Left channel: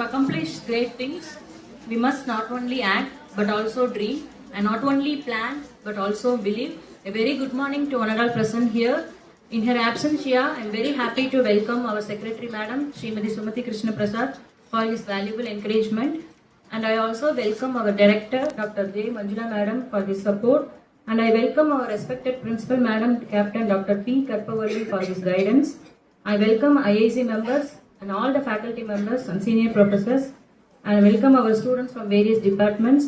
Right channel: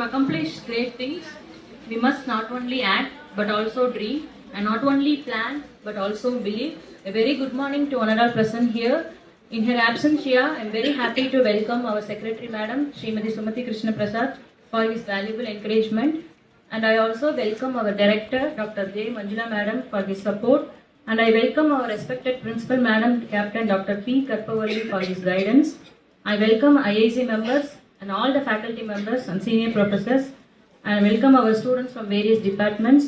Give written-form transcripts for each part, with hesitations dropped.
To accomplish great things, we must not only act but also dream, and not only plan but also believe. A very good morning to honorable present here. In her absence here, I am very happy to welcome our Secretary Madam, Srimati Sumati Krishna Prasad, for his valuable encouragement. And I also welcome our Director, Dr. J. Manjula Madam, for his support. And I welcome our respected Principal Madam, Captain Dr. P. Karpavalli, for his guidance. I welcome IAC members and all the faculty members and senior professors. And I welcome our students from various departments.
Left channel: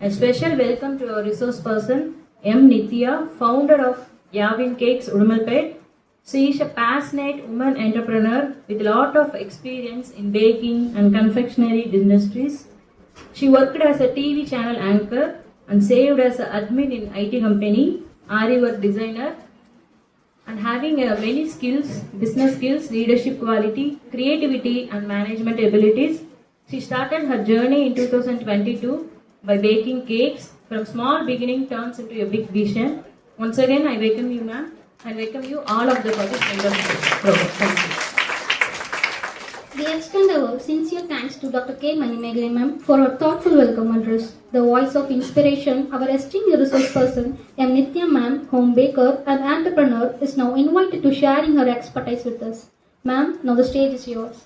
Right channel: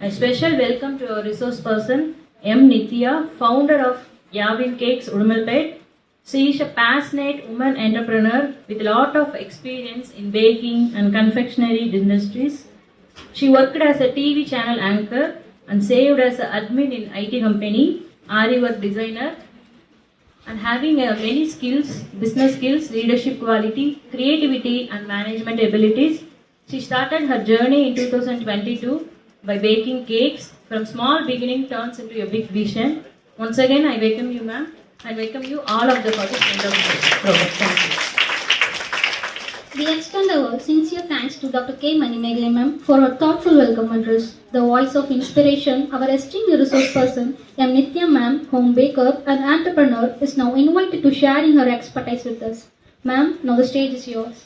A special welcome to our resource person, M. Nithya, founder of Yavin Cakes, Udumalpet. She is a passionate woman entrepreneur with a lot of experience in baking and confectionery industries. She worked as a TV channel anchor and served as an admin in IT company, Ariwork designer, and having many skills, business skills, leadership quality, creativity and management abilities. She started her journey in 2022 by baking cakes. From small beginning turns into a big vision. Once again, I welcome you, ma'am. I welcome you all of the participants. Thank you. We extend our sincere thanks to Dr. K. Manimegalai ma'am for her thoughtful welcome address. The voice of inspiration, our esteemed resource person, M. Nithya ma'am, home baker and entrepreneur, is now invited to sharing her expertise with us. Ma'am, now the stage is yours.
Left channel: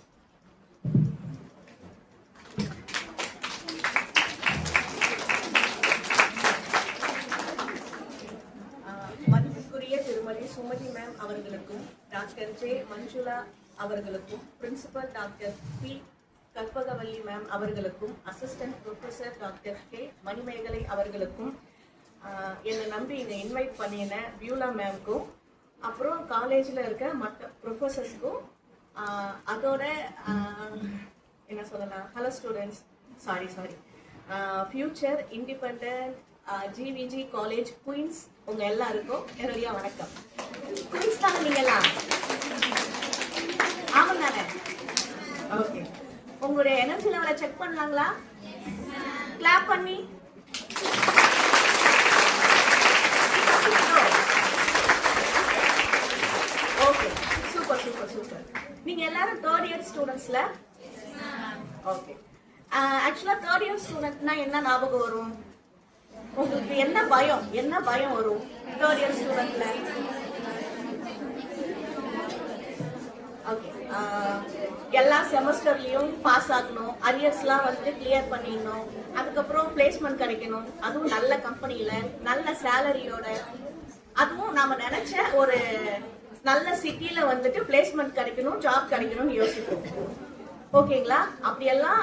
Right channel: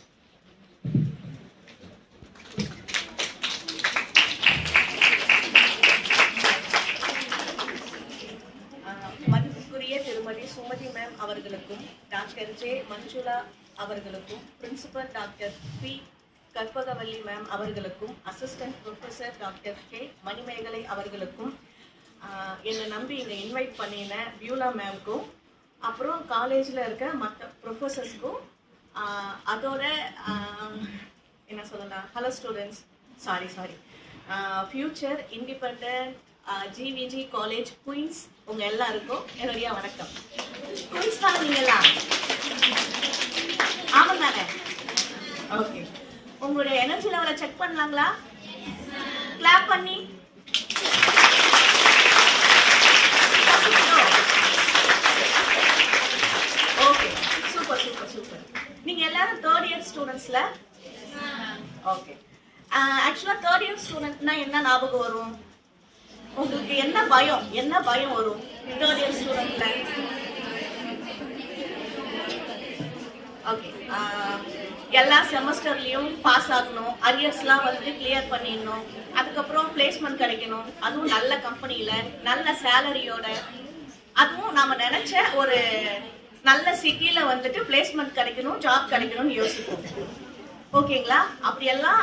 Sumathi ma'am அவர்களுக்கும் doctor J Manjula அவர்களுக்கும் principal doctor P Karpagavalli ma'am அவர்களுக்கும் assistant professor doctor K Manimegalai அவர்களுக்கும் என்னை நம்பி இங்கே invite பண்ணின Beulah மேம்க்கும் அப்புறம் காலேஜில் இருக்க மற்ற ப்ரொஃபஸர்ஸ்க்கும் அதோட என்ன சொல்லலாம் hello students sorry future independent GVG college queens உங்க எல்லாருக்கும் என்னுடைய வணக்கம். குயின்ஸ் தான் நீங்களா? ஆமாம் தானே? ஓகே. உங்களுடைய எனர்ஜி லெவலை செக் பண்ணலாங்களா? கிளாப் பண்ணி. Okay, super. நீங்க எல்லாரும் தேர்ட் இயர் ஸ்டூடெண்ட்ஸ்ல? ஓகே. ஆக்சுவலா தேர்ட் இயர் ஸ்டூடெண்ட்னா என்ன ஞாபகம் வரும்? உங்களுக்கு என்ன பயம் வரும் தேர்ட் இயர் ஸ்டூடெண்ட்ல? ஓகே. எல்லா செமஸ்டர்லயும் பாஸ் ஆகணும், அரியர்ஸ்லாம் வந்து கிளியர் பண்ணிடணும், அதுக்கப்புறம் பிளேஸ்மெண்ட் கிடைக்கணும், அதுவும் நல்ல கம்பெனியில நல்ல சேலரியோட, அதுவும் நாம நினைச்ச ஒரு நல்ல சிட்டில வந்துட்டு பிளேஸ்மெண்ட் கிடைக்கணும், ஜாப் கிடைக்கணும்னு யோசிப்போம். ஓகேங்களா? அப்படியெல்லாம்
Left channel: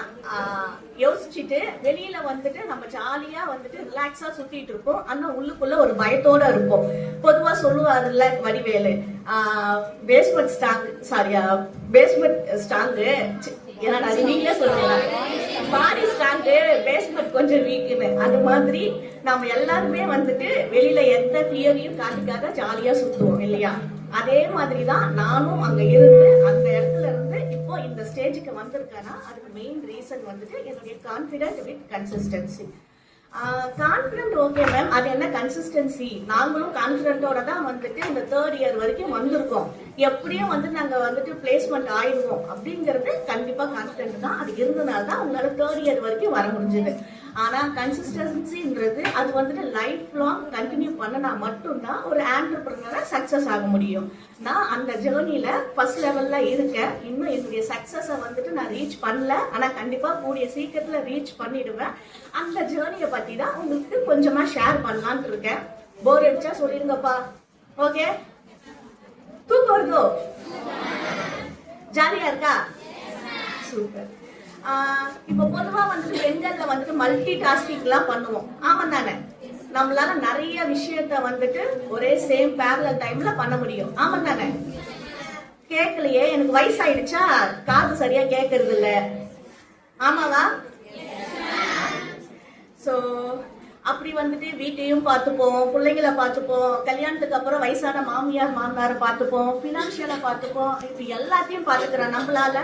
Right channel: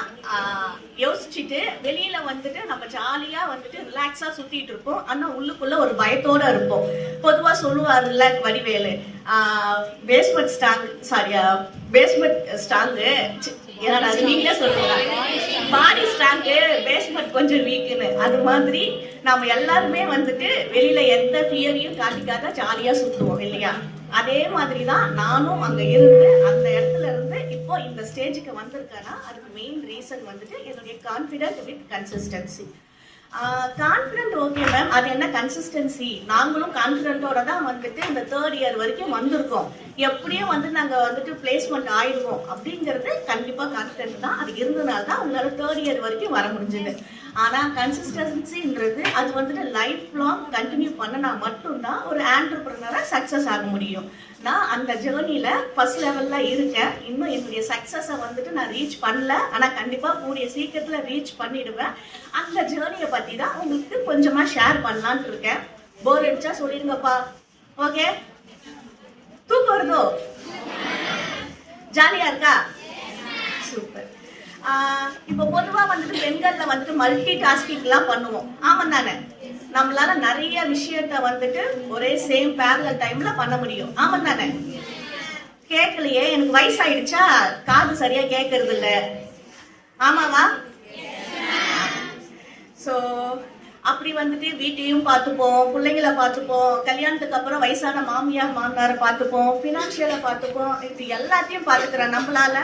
யோசிச்சுட்டு வெளியில வந்துட்டு நம்ம ஜாலியா வந்துட்டு ரிலாக்ஸா சுத்திட்டு இருப்போம். ஆனா உள்ளுக்குள்ள ஒரு பயத்தோட இருப்போம். பொதுவா சொல்லுவாருல்ல வடிவேலு, பேஸ்மெண்ட் ஸ்ட்ராங்கு, நீங்களே சொல்லுங்க, பாடி ஸ்ட்ராங்கு, பேஸ்மெண்ட் கொஞ்சம் வீக்குன்னு. அது மாதிரி நம்ம எல்லாருமே வந்துட்டு வெளியில எந்த ஃபியரையும் காட்டிக்காத ஜாலியா சுத்துவோம் இல்லையா? அதே மாதிரிதான் நானும் அங்க இருந்து அந்த இடத்துல இருந்து இப்போ இந்த ஸ்டேஜுக்கு வந்திருக்கேன்னா அதுக்கு மெயின் ரீசன் வந்துட்டு என்னுடைய confident with consistency. Confident okay ma'am, அது என்ன கன்சிஸ்டன்சி? நாங்களும் கான்ஃபிடென்ட்டோட தான் வந்துட்டு இந்த தேர்ட் இயர் வரைக்கும் வந்திருக்கோம். எப்படியும் வந்து நாங்க வந்துட்டு பிளேஸ்மெண்ட் ஆயிடுவோம் அப்படிங்கிறது கண்டிப்பா கான்ஃபிடென்ட் தான். அது இருந்ததுனால தான் உங்களால தேர்ட் இயர் வரைக்கும் வர முடிஞ்சது. ஆனா கன்சிஸ்டன்சின்றது அது வந்துட்டு லைஃப் லாங் கண்டினியூ பண்ணனா மட்டும்தான் ஒரு ஆண்டர்பிரினரா சக்சஸ் ஆக முடியும். நான் அந்த ஜேர்னில ஃபர்ஸ்ட் லெவல்ல இருக்கேன். இன்னும் என்னுடைய சக்சஸை வந்துட்டு நான் ரீச் பண்ணல, ஆனா கண்டிப்பா கூடிய சீக்கிரத்துல ரீச் பண்ணிடுவேன். அந்த ஜேர்னியை பத்தி தான் உங்களுக்கு கொஞ்சமா ஷேர் பண்ணலான்னு இருக்கேன். போர் அடிச்சா சொல்லிடுங்கப்பா. ஓகே? தூக்கம் வருதோ? ஜாலியா இருக்கா? சூப்பர். இப்ப பொதுவா வந்துட்டு பெண்கள்ல வந்துட்டு மல்டி டாஸ்கிங் எல்லாம் பண்ணுவோம். ஆமா தானே? நம்மளால நிறைய விஷயத்த வந்துட்டு ஒரே சேம் பேரலல் டைம்ல பண்ண முடியும். ஆமா தானே? கேட்கலையே, எனக்கு வயசாயிடுச்சா, காது சரியா கேட்கறது இல்ல. ஆமாவா? சோ அப்படி வந்துட்டு வீட்டையும் பார்த்துப்போம், பிள்ளைங்களை பார்த்துப்போம், கல்யாணத்துக்கு அப்புறம் வயசான மாமியார் மாமனாரை பார்த்துப்போம், பினான்சியலை பார்த்துப்போம். இது எல்லாத்தையும் பார்த்துக்கிறேன். நம்மளால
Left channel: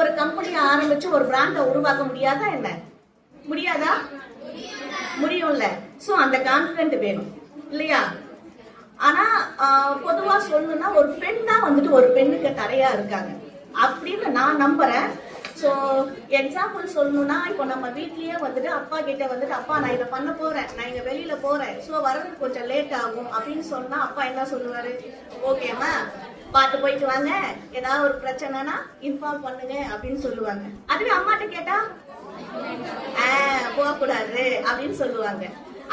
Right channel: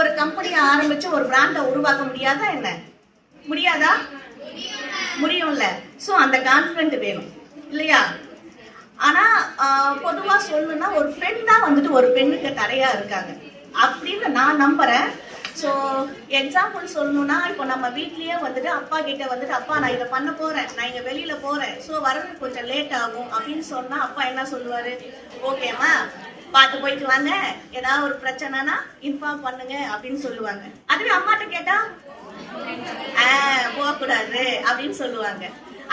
ஒரு கம்பெனியை ஆரம்பிச்சு ஒரு பிராண்டை உருவாக்க முடியாதா? என்ன முடியாதா? முடியும்ல. சோ அந்த கான்ஃபிடென்ட் வேணும் இல்லையா? ஆனா பொதுவா சொல்லணும்னா ஒரு பெண் தான் வந்துட்டு ஒரு பெண்ணுக்கு தடையா இருக்காங்க அப்படின்னு நான் நம்புறேன். ஸோ எக்ஸாம்பிள் சொல்லணும்னா இப்போ நம்ம வீட்லயே வந்துட்டு அப்பா கிட்ட வந்துட்டு அப்பா நான் இதை பண்ண போறேன், நான் இங்க வெளியில போறேன், ஸோ வர்றதுக்கு கொஞ்சம் லேட் ஆகும் அப்படின்னு சொன்னா அப்பா என்ன சொல்லுவாரு, ஓகேம்மா பார்த்து போயிட்டு வாங்க, ஏதாவது ஒரு பிரச்சனைனா இன்ஃபார்ம் பண்ணுங்க அப்படின்னு சொல்லுவாங்க. அதுவே அம்மாட்ட கேட்டா போகக்கூடாது அப்படின்னு சொல்லுவாங்க.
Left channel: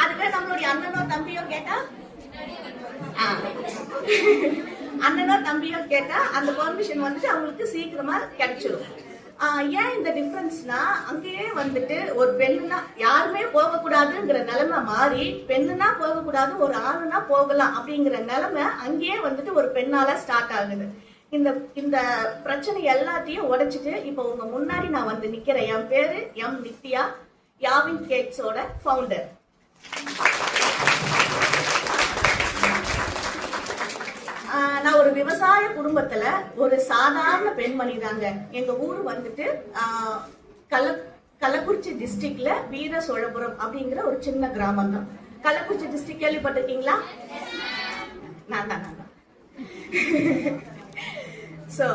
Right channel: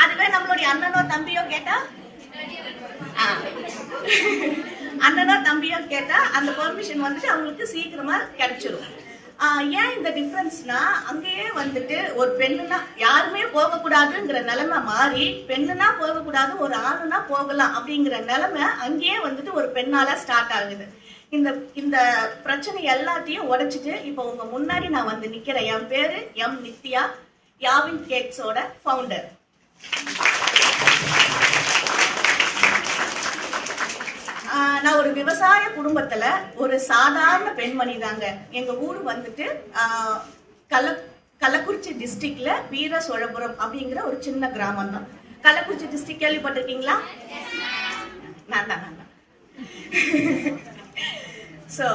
அதுவே நம்மளுடைய அண்ணனோ தம்பியோ கேட்டா அந்த பெர்மிஷன் வந்துட்டு அவங்களுக்கு சீக்கிரமா கிடைச்சிடும். ஏன் இந்த டிஃபரன்ஸ்னா, அங்கேயே வந்துட்டு ஒரு பெண்ணுனா யாருமே போகக்கூடாதுங்கிற நிலைமை மாறி பெண்ணுனா போகக்கூடாது, ஒரு ஆணுனா போகலாம் அப்படிங்கிற நிலைமை அங்கேயே வந்துட்டு ஒரு பெண்ணால ஸ்டார்ட் ஆகுது. இந்த பிரச்சனை எல்லாத்தையும் உடைச்சிட்டு இப்போ உங்க முன்னாடி நான் வந்து நிக்கிறேன். என் பேரு எம் நித்யா, யாவின் கேக்ஸோட ஃபவுண்டர். நான் ஒரு விவசாய குடும்பத்துல ஒரு சாதாரண பெண்மணி தாங்க. எங்க ஊர் வந்துட்டு கள்ளக்குறிச்சி டிஸ்ட்ரிக்ட்ல வீர சோழபுரம் அப்படிங்கிற ஒரு சின்ன கிராமம் தான். கள்ளக்குறிச்சி டிஸ்ட்ரிக்ட் கேள்விப்பட்டிருக்கீங்களா? நான் தான். சோ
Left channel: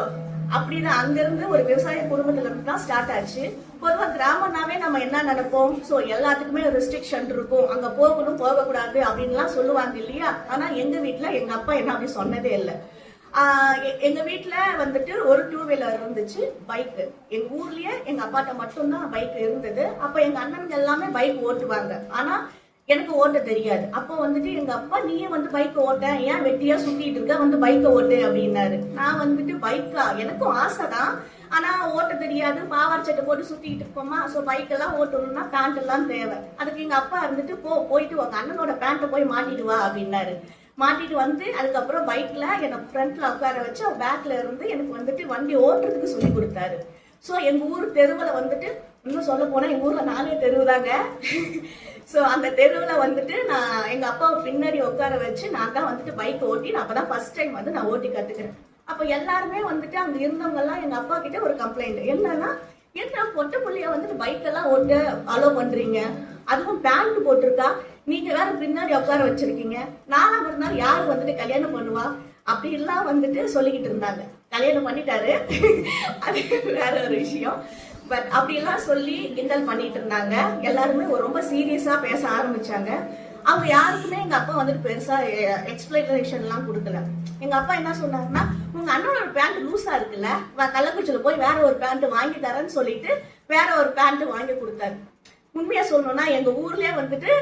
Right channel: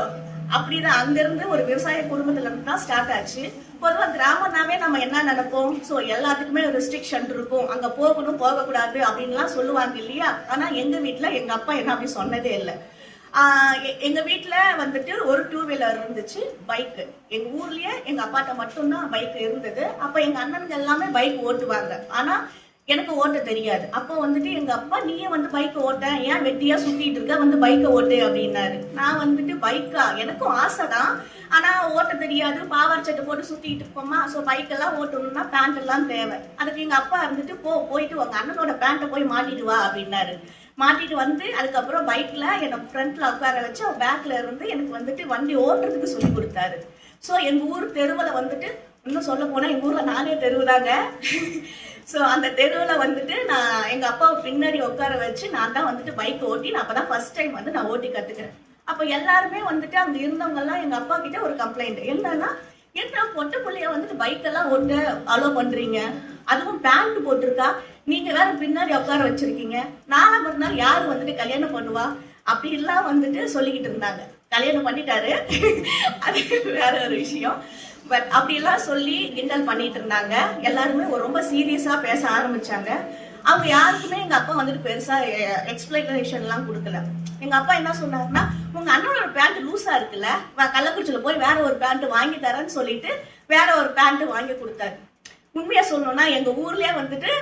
அப்படிதான் அங்கிருந்து ஒரு விவசாய குடும்பத்துல இருந்து தான் ஸ்டார்ட் ஆச்சு. பொதுவா கிராமம்னாவே நம்ம என்ன நினைப்போம், சோ எல்லாத்துக்குமே ஒரு ரெஸ்ட்ரிக்ஷன் இருக்கும், அங்க போகணும் போகக்கூடாது அப்படின்லாம் சொல்லுவாங்க இல்லையா? ஆனா எங்க வீட்டுல எங்க அப்பா என்ன அப்படி சொன்னதே இல்லை. எங்க வீட்டுல வந்துட்டு ஒரு 2 வீலர் இருந்துச்சு, பைக். எங்க ஊர்லயே எங்க அப்பாட்ட மட்டும்தான் பைக் இருந்தது. அப்ப எங்க அண்ணனுங்க எல்லாமே பைக் ஓட்டுவாங்க, ஆனா எனக்கு ஓட்ட தெரியாது. அப்போ வந்துட்டு எங்க அப்பா, நீயே வந்து பைக் ஓட்ட, ஏன் வெட்டியா சுத்திட்டு இருக்க, வந்து பைக்கை ஓட்டு அப்படின்னாரு. நான் வந்துட்டு பைக்கா, எனக்கும் ஆசைதான், ஆனா ஓட்ட தெரியாது, பாவாடை சட்டை போட்டு சுத்திட்டு இருப்போமா. சோ பைக் எல்லாம் ஓட்டணும்னா பேண்ட் எல்லாம் தேவை. அதுக்கு எங்க அப்பா இருந்துட்டு போயிட்டு உங்க அண்ணனோட பேண்ட்டை போய் மாட்டிட்டு வா அப்படின்னாரு. மாட்டிட்டு வந்து அதுக்கப்புறம் பைக்ல எனக்கு ஃப்ரண்ட்ல உட்கார வச்சு பேக்ல இருந்து எனக்கு வந்துட்டு வண்டி ஓட்டுறதுக்கு சொல்லி கொடுத்தாரு. சோ எங்க ஊர் தெருவுல வந்துட்டு, இன்னும் சொல்ல போனா எங்க ஊர்ல 4 தெருவுதாங்க. சோ அந்த தெருவுல வந்துட்டு நான் எங்க அப்பாவை பின்னாடி உட்கார வச்சு நான் தான் வந்துட்டு பைக் ஓட்டி, நான் அப்பதான் ஃபர்ஸ்ட் டைம் வந்து நான் ஓட்டி கத்துக்கிறேன். அப்ப எல்லாருமே வந்துட்டு அங்க இருந்தவங்க எல்லாம் எங்க அப்பா கிட்ட ஒரு கம்ப்ளைண்ட் என்னன்னா, என்ன பொட்ட புள்ளைய வந்துட்டு பைக் எல்லாம் ஓட்ட அலோ பண்றீங்க, அதுவும் பேண்ட் போட்டிருக்கா, நீங்க வேற பின்னாடி உட்கார வச்சிருக்கீங்க, நாலாம் ஒரு நாள் யாரு வந்துட்டு கல்யாணம் பண்ணுவா அப்படி எல்லாம் வந்துட்டு சொல்லிக்கிட்டு இருந்தாங்க. கல்யாணம் பண்ணிட்டாரு, அது வேற ஒரு விஷயம். பட் அப்படியெல்லாம் சொல்லி கிண்டல் பண்ணிட்டு இருந்தாங்க. எல்லாருமே ரொம்ப சீரியஸா பேச ஆரம்பிச்சாங்க. அவங்க யாருக்குமே எங்க அப்பா வந்துட்டு பெருசா எக்ஸ்பிளனேஷன் எல்லாம் கொடுக்கல. எங்க அப்பா என்ன சொன்னாருன்னா, உங்க அண்ணனோட பேண்ட் லூஸா இருக்குல்ல, கள்ளக்குறிச்சியில போய் வேற ஒரு பேண்ட் வாங்கி தரேன்னு சொல்லிட்டு வேற ஒரு பேண்ட் வாங்கி கொடுத்தாரு. உண்மையா சொல்லணும்னா எங்க ஊர்லயே வந்துட்டு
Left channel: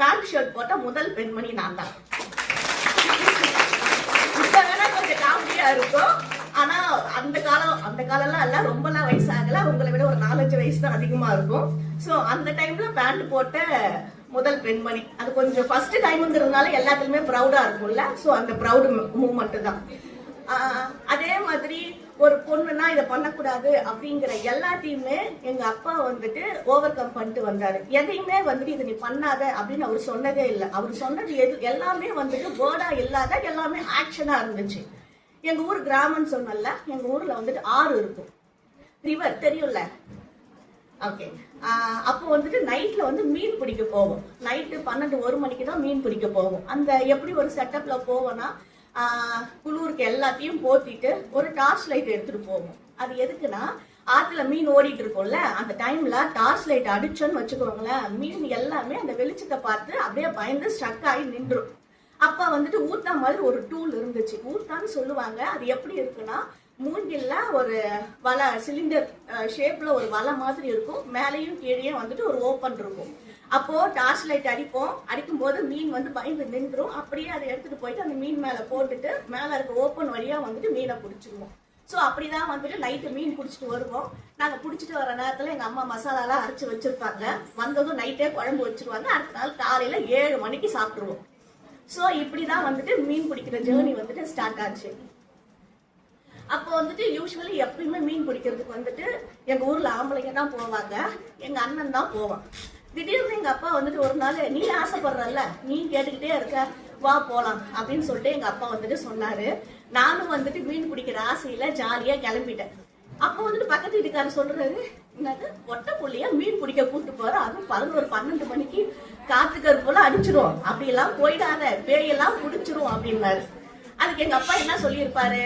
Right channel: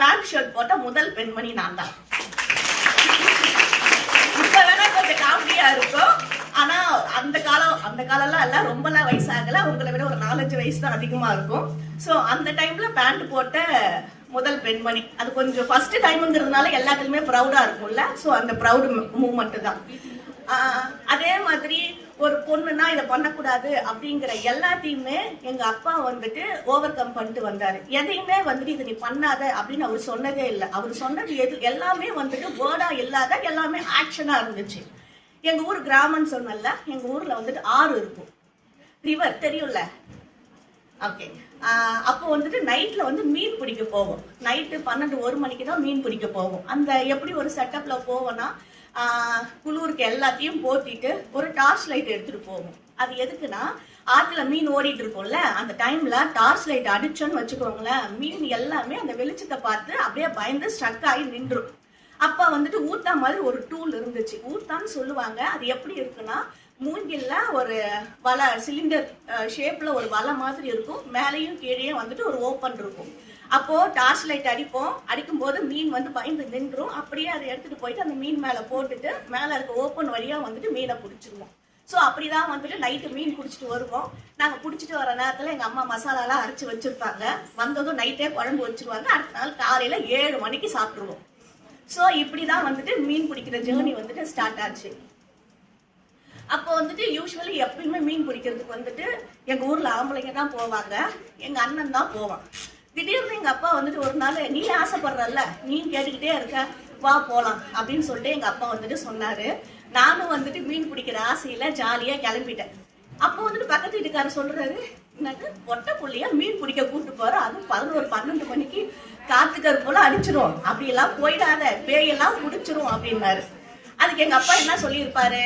பேண்ட் ஷர்ட் போட்ட முதல் பெண்மணி நான் தான். இப்ப வேணா கொஞ்சம் காமெடியா இருக்கும், ஆனா அந்த காலம்லாம் எல்லாம் ரொம்பலாம் வயசாகல, உங்களை விட ஒரு 4-5 வயசு தான் அதிகமா இருக்கும். சோ அந்த டைம்ல பேண்ட் போட்ட முதல் பெண்மணி. அது கொஞ்சம் ஃபர்ஸ்ட் டைம்ங்கிறதுனால எல்லாத்துலயுமே ப்ரௌடா இருக்கும்ல, சோ அந்த ப்ரௌட் மூமெண்ட் தான். அதே மாதிரி ஒரு பொண்ணுன்னா இதை பண்ணக்கூடாது அப்படிங்கிற எல்லாத்தையுமே எங்க அப்பா வந்துட்டு ஓவர் கம் பண்ணிட்டு வந்தாரு. எதையுமே வந்துட்டு இதை நீ பண்ணாத அப்படின்னு அவர் சொன்னதே இல்லை. அவர் சொன்னது எல்லாமே வந்துட்டு வேர்டா இல்லாத எல்லாமே ஆக்ஷனா இருந்துச்சு. எங்க ஊர் கிராமம்னு சொன்னல, எங்க ஊர்ல வந்துட்டு ஆறு இருக்கும், ரிவர் தெரியும்ல. ஓகே, அப்போ வந்துட்டு நைட்ல வந்து மீன் பிடிக்க போவோம். நைட்டு 12-1 மணிக்கு தான் மீன் பிடிக்க போவோம். அந்த எப்படி ஒரு செட்டப்ல போவோம்னா, குளூருக்கு எல்லாத்தையும் போத்திட்டு ஒரு டார்ச் லைட் எடுத்துட்டு போவோம். அது எதுக்குன்னா, ஆத்துல மீன் ஓடிட்டு இருக்கும்ல, அந்த டைம்ல டார்ச் லைட் அடிச்சோன்னு வச்சுக்கோங்களேன், மீன் எல்லாமே அந்த வெளிச்சத்தை பார்த்து அப்படியே பயந்து ஸ்ட்ரக் ஆகி நின்றும். அப்ப வந்துட்டு ஊத்தா மாதிரி ஒரு டூல் இருந்துச்சு, ஊத்தான்னு சொல்லுவாங்க. அது எப்படி இருக்குன்னா, மூங்கில்ல ஒரு வலை, சிலிண்டர் ஷேப்ல ஒரு வலை மாதிரி இருக்கும், மேலையும் கீழே வந்துட்டு ஒரு ஓப்பன் இருக்கும். அப்போ டார்ச் லைட் அடிக்கும் போது மீன் வந்து பயந்து நின்றும். அப்படியே அதை எடுத்துட்டு போயிட்டு அந்த மீன் மேல போட்டுட்டு மேல இருக்க ஓப்பன் வழியா வந்துட்டு மீனை பிடிச்சிருவோம். சோ அப்படிதான் வந்துட்டு நைட்டு மீன் பிடிச்சிட்டு வருவோம். நாங்க பிடிச்சிட்டு வர நேரத்துல எங்க அம்மா மசாலாலாம் அரைச்சு வச்சிருப்பாங்க. வந்ததும் நைட்டே குழம்பு வச்சிருவாங்க. அடுத்த நாள் காலையில 7 மணிக்கு சாப்பிட்டுருவோம். சோ இப்படிதான் வந்துட்டு மீன் பிடிக்கிற ஜேர்னி வந்துட்டு ஸ்டார்ட் ஆச்சு. அப்போ வந்துட்டு யூஸ்வலி எப்பயுமே மீன் பிடிக்கிறதுக்கு வந்துட்டு எங்க ஊர்ல ஆம்பளைங்க தான் போவாங்க, எங்க அண்ணன் தான் போவான். திடீர்னு எங்க அப்பா வந்துட்டு ஒரு நாள், நீ ஆசைப்படுறல்ல, நீ கேட்டுக்கிட்டே இருக்க, வா போலாம் அப்படின்னு சொல்லிட்டு எங்க அப்பா வந்துட்டு சொன்னாரு. நானும் வந்துட்டு மீன் பிடிக்கிற ஆசையில ஜாலியா கிளம்பிட்டேன். அப்போ வந்துட்டு பக்கத்து வீட்டுக்காரர் சொல்றாரு, என்னது பொட்ட புள்ளையா மீன் பிடிக்க கூப்பிட்டு போற, அதுவும் 11-12 மணிக்கு காத்துக்கர் போல அடிச்சிரும், அப்படி எல்லாம் போயிடாத, பேயெல்லாம் பிடிச்சிரும் அப்படின்னாரு. அதுக்கு எங்க அப்பா என்ன சொல்லியிருப்பாரு,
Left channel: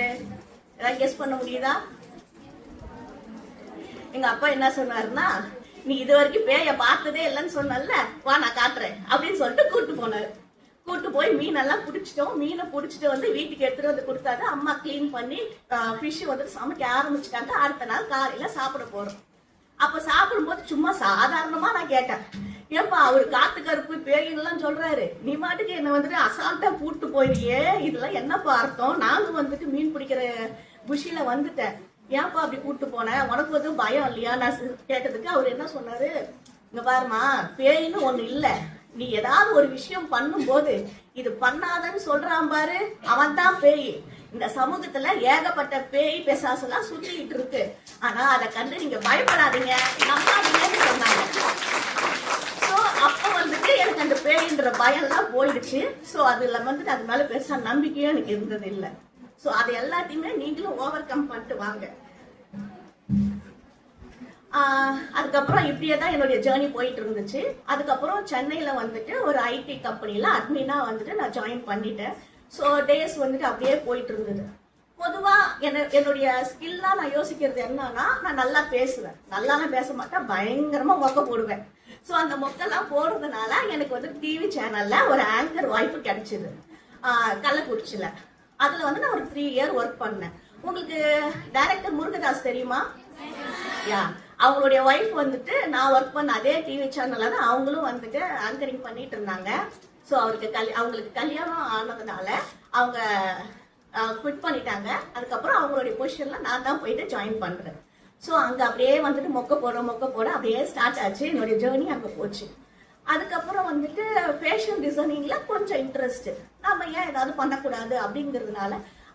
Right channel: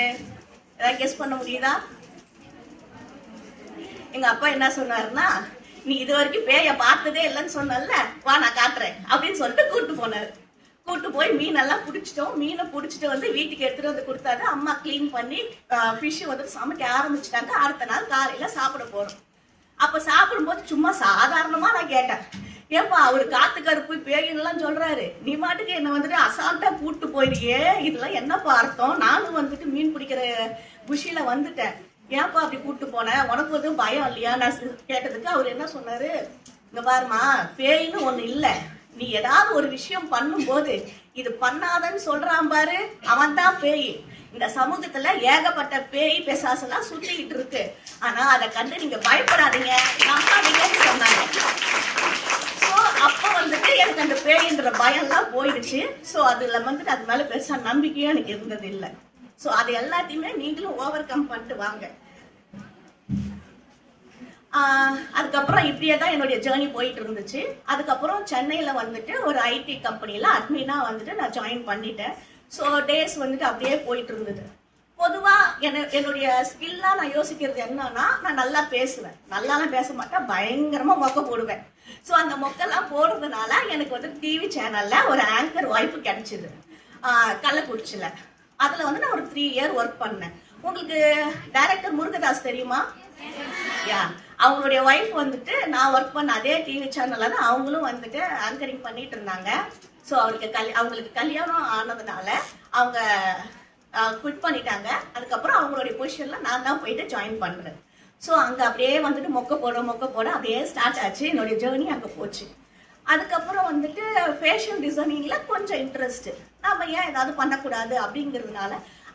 ஏதாவது கெஸ் பண்ண முடியுதா? எங்க அப்பா என்ன சொன்னாருன்னா, நீ இது வரைக்கும் பேய பார்த்ததே இல்லைன்னு சொன்னல, வா நான் காட்டுறேன் அப்படின்னு சொல்லிட்டு கூட்டு போனாரு. கூட்டு போய் மீனெல்லாம் பிடிச்சிட்டோம். மீனை பிடிச்சிட்டு வந்து வீட்டுக்கு எடுத்துட்டு வந்து கொடுத்தாரு. அம்மா கிளீன் பண்ணி ஃபிஷ் வந்து சமைக்க ஆரம்பிச்சிட்டாங்க. அடுத்த நாள் காலையில சாப்பிட போறோம். அப்ப சாப்பிடும்போது சும்மா சாதாரணமா நான் கேட்டேன், ஏப்பா அவரு காத்து கருப்பு பேயின்லாம் சொல்றாரு, நீ மாட்டுக்கு என்ன வந்துட்டு அசால்ட்டா கூட்டு போயிருக்கே, இதெல்லாம் என்னப்பா அர்த்தம்? நானும் வந்துட்டு மீன் பிடிக்கிற குஷியில வந்துட்டேன், ஏன்பா அப்படி கூட்டு போனேன், உனக்கு எதுவும் பயம் இல்லையா நான் கேட்டதுக்கு அவர் என்ன சொன்னாரு, இங்க பாருமா பேயின்னு ஒண்ணு இல்ல, நீ ஏதாவது ஒரு விஷயம் பண்ணும்போது இது பண்ணாதன்னு சொல்றான் பாரு, அவன் தான் பேய். இந்த சமூகத்துல ஏகப்பட்ட பேய் பிசாசெல்லாம் சுத்திக்கிட்டு இருக்கு. ஆனா அதை கண்டு நீங்க பயப்படாதீங்க, நம்பாதீங்கன்னு சொன்னாங்க. சோ அப்ப வந்துட்டு எனக்கு அந்த பேயின்ற பயம் எல்லாம் போயிடுச்சு. சோ அதுல வந்துட்டு அது மேல பெருசா நம்பிக்கையும் எனக்கு இருந்தது இல்ல. சோ அது எல்லாத்தையுமே நீங்களும் ஓவர் கம் பண்ணிட்டு வாங்க. அதுக்கப்புறம் இப்படியே தான் என்னுடைய ஜேர்னி போயிட்டு இருந்துச்சு. அதுக்கப்புறம் சென்னையில வந்துட்டு ஒரு ஐடி கம்பெனில அட்மினா வந்துட்டு நான் ஜாயின் பண்ணிட்டேன். ஸோ டேஸ் வந்துட்டு அப்படியே போயிட்டு இருந்தது. பொதுவா என்னுடைய ஸ்கில்லா நான் யோசிக்கிறது என்னன்னா, நான் நல்லா பேசுவேன், நல்லாலாம் பேச மாட்டேன், பயங்கரமா மொக்க போடுவேன். ஸோ அந்த மொக்கெல்லாம் போடுறதுனால எனக்கு வந்து டிவி சேனல்ல ஒரு ஆங்கர் வாய்ப்பு கிடைச்சிது கள்ளக்குறிச்சியில. அதுல வந்து நான் ஒரு 3 இயர் ஒர்க் பண்ணேன். உங்களுக்கு டைரக்டர் முருகதாஸ் தெரியுமா? யா, அவங்களுடைய ஒய்ஃப் வந்துட்டு நான் ஒர்க் பண்ண அதே டிவி சேனல்ல தான் அவங்களும் வந்துட்டு ஆங்கரிங் பண்ணிட்டு இருந்தாங்க. ஸோ அவங்களுக்கு கல்யாணம் ஆனதுனால அவங்க குவிட் பண்ணிட்டாங்க. அதுக்கப்புறம் அவங்களுடைய பொசிஷன்ல நான் தான் போயிட்டு ஜாயின் பண்றேன். ஸோ அங்க அப்படியே வந்துட்டு மொக்க போட அப்படியே ஸ்டார்ட் ஆச்சு. என்னுடைய ஜேர்னி அங்க போச்சு. அதுக்கப்புறம் வந்துட்டு ஃபேஷன் டிசைனிங்ல கொஞ்சம் இன்ட்ரெஸ்ட், நம்ம ஏன் ஏதாவது பண்ணக்கூடாது அப்படிங்கிறதுனால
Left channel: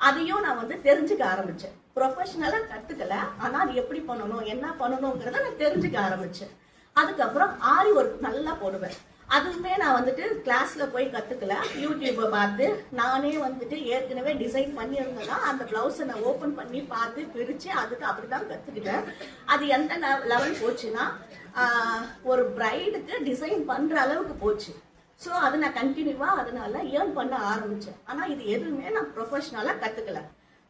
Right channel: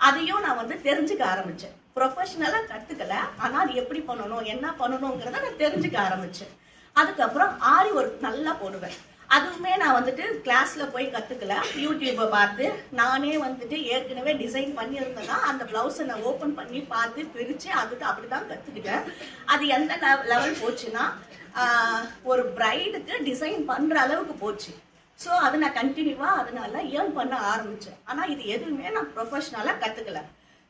அதையும் நான் வந்து தெரிஞ்சுக்க ஆரம்பிச்சேன். ப்ரொஃபஷனலா கத்துக்கல, ஆனா அது எப்படி பண்ணணும் என்ன பண்ணணுங்கிறத நான் தெரிஞ்சுக்க ஆரம்பிச்சேன். அதுக்கப்புறம் ஆரி ஒர்க் நல்லா போடுவேன். அதுவுமே நான் வந்துட்டு கிளாஸ்ல போய் கத்துக்கல, யூடியூப்பை பார்த்து நானே வந்துட்டு ஏற்கனவே டிசைன் பண்ணியிருந்தேன்னா அந்த பிளவுஸை நான் ஓபன் பண்ணி பார்த்து பிரிச்சு அதுக்கு அப்படிதான் கத்துக்கிட்டேன். அது எந்த லெவல் போச்சுன்னா, ஒரு பிரைடுக்கு டிசைன் பண்ற அளவுக்கு போச்சு. ஸோ அது நான் கண்டினியூவா அதனால ஏர்ன் பண்ண ஆரம்பிச்சேன். ஆனா இது எதுவுமே நான் ப்ரொஃபஷனலா கத்துக்கல.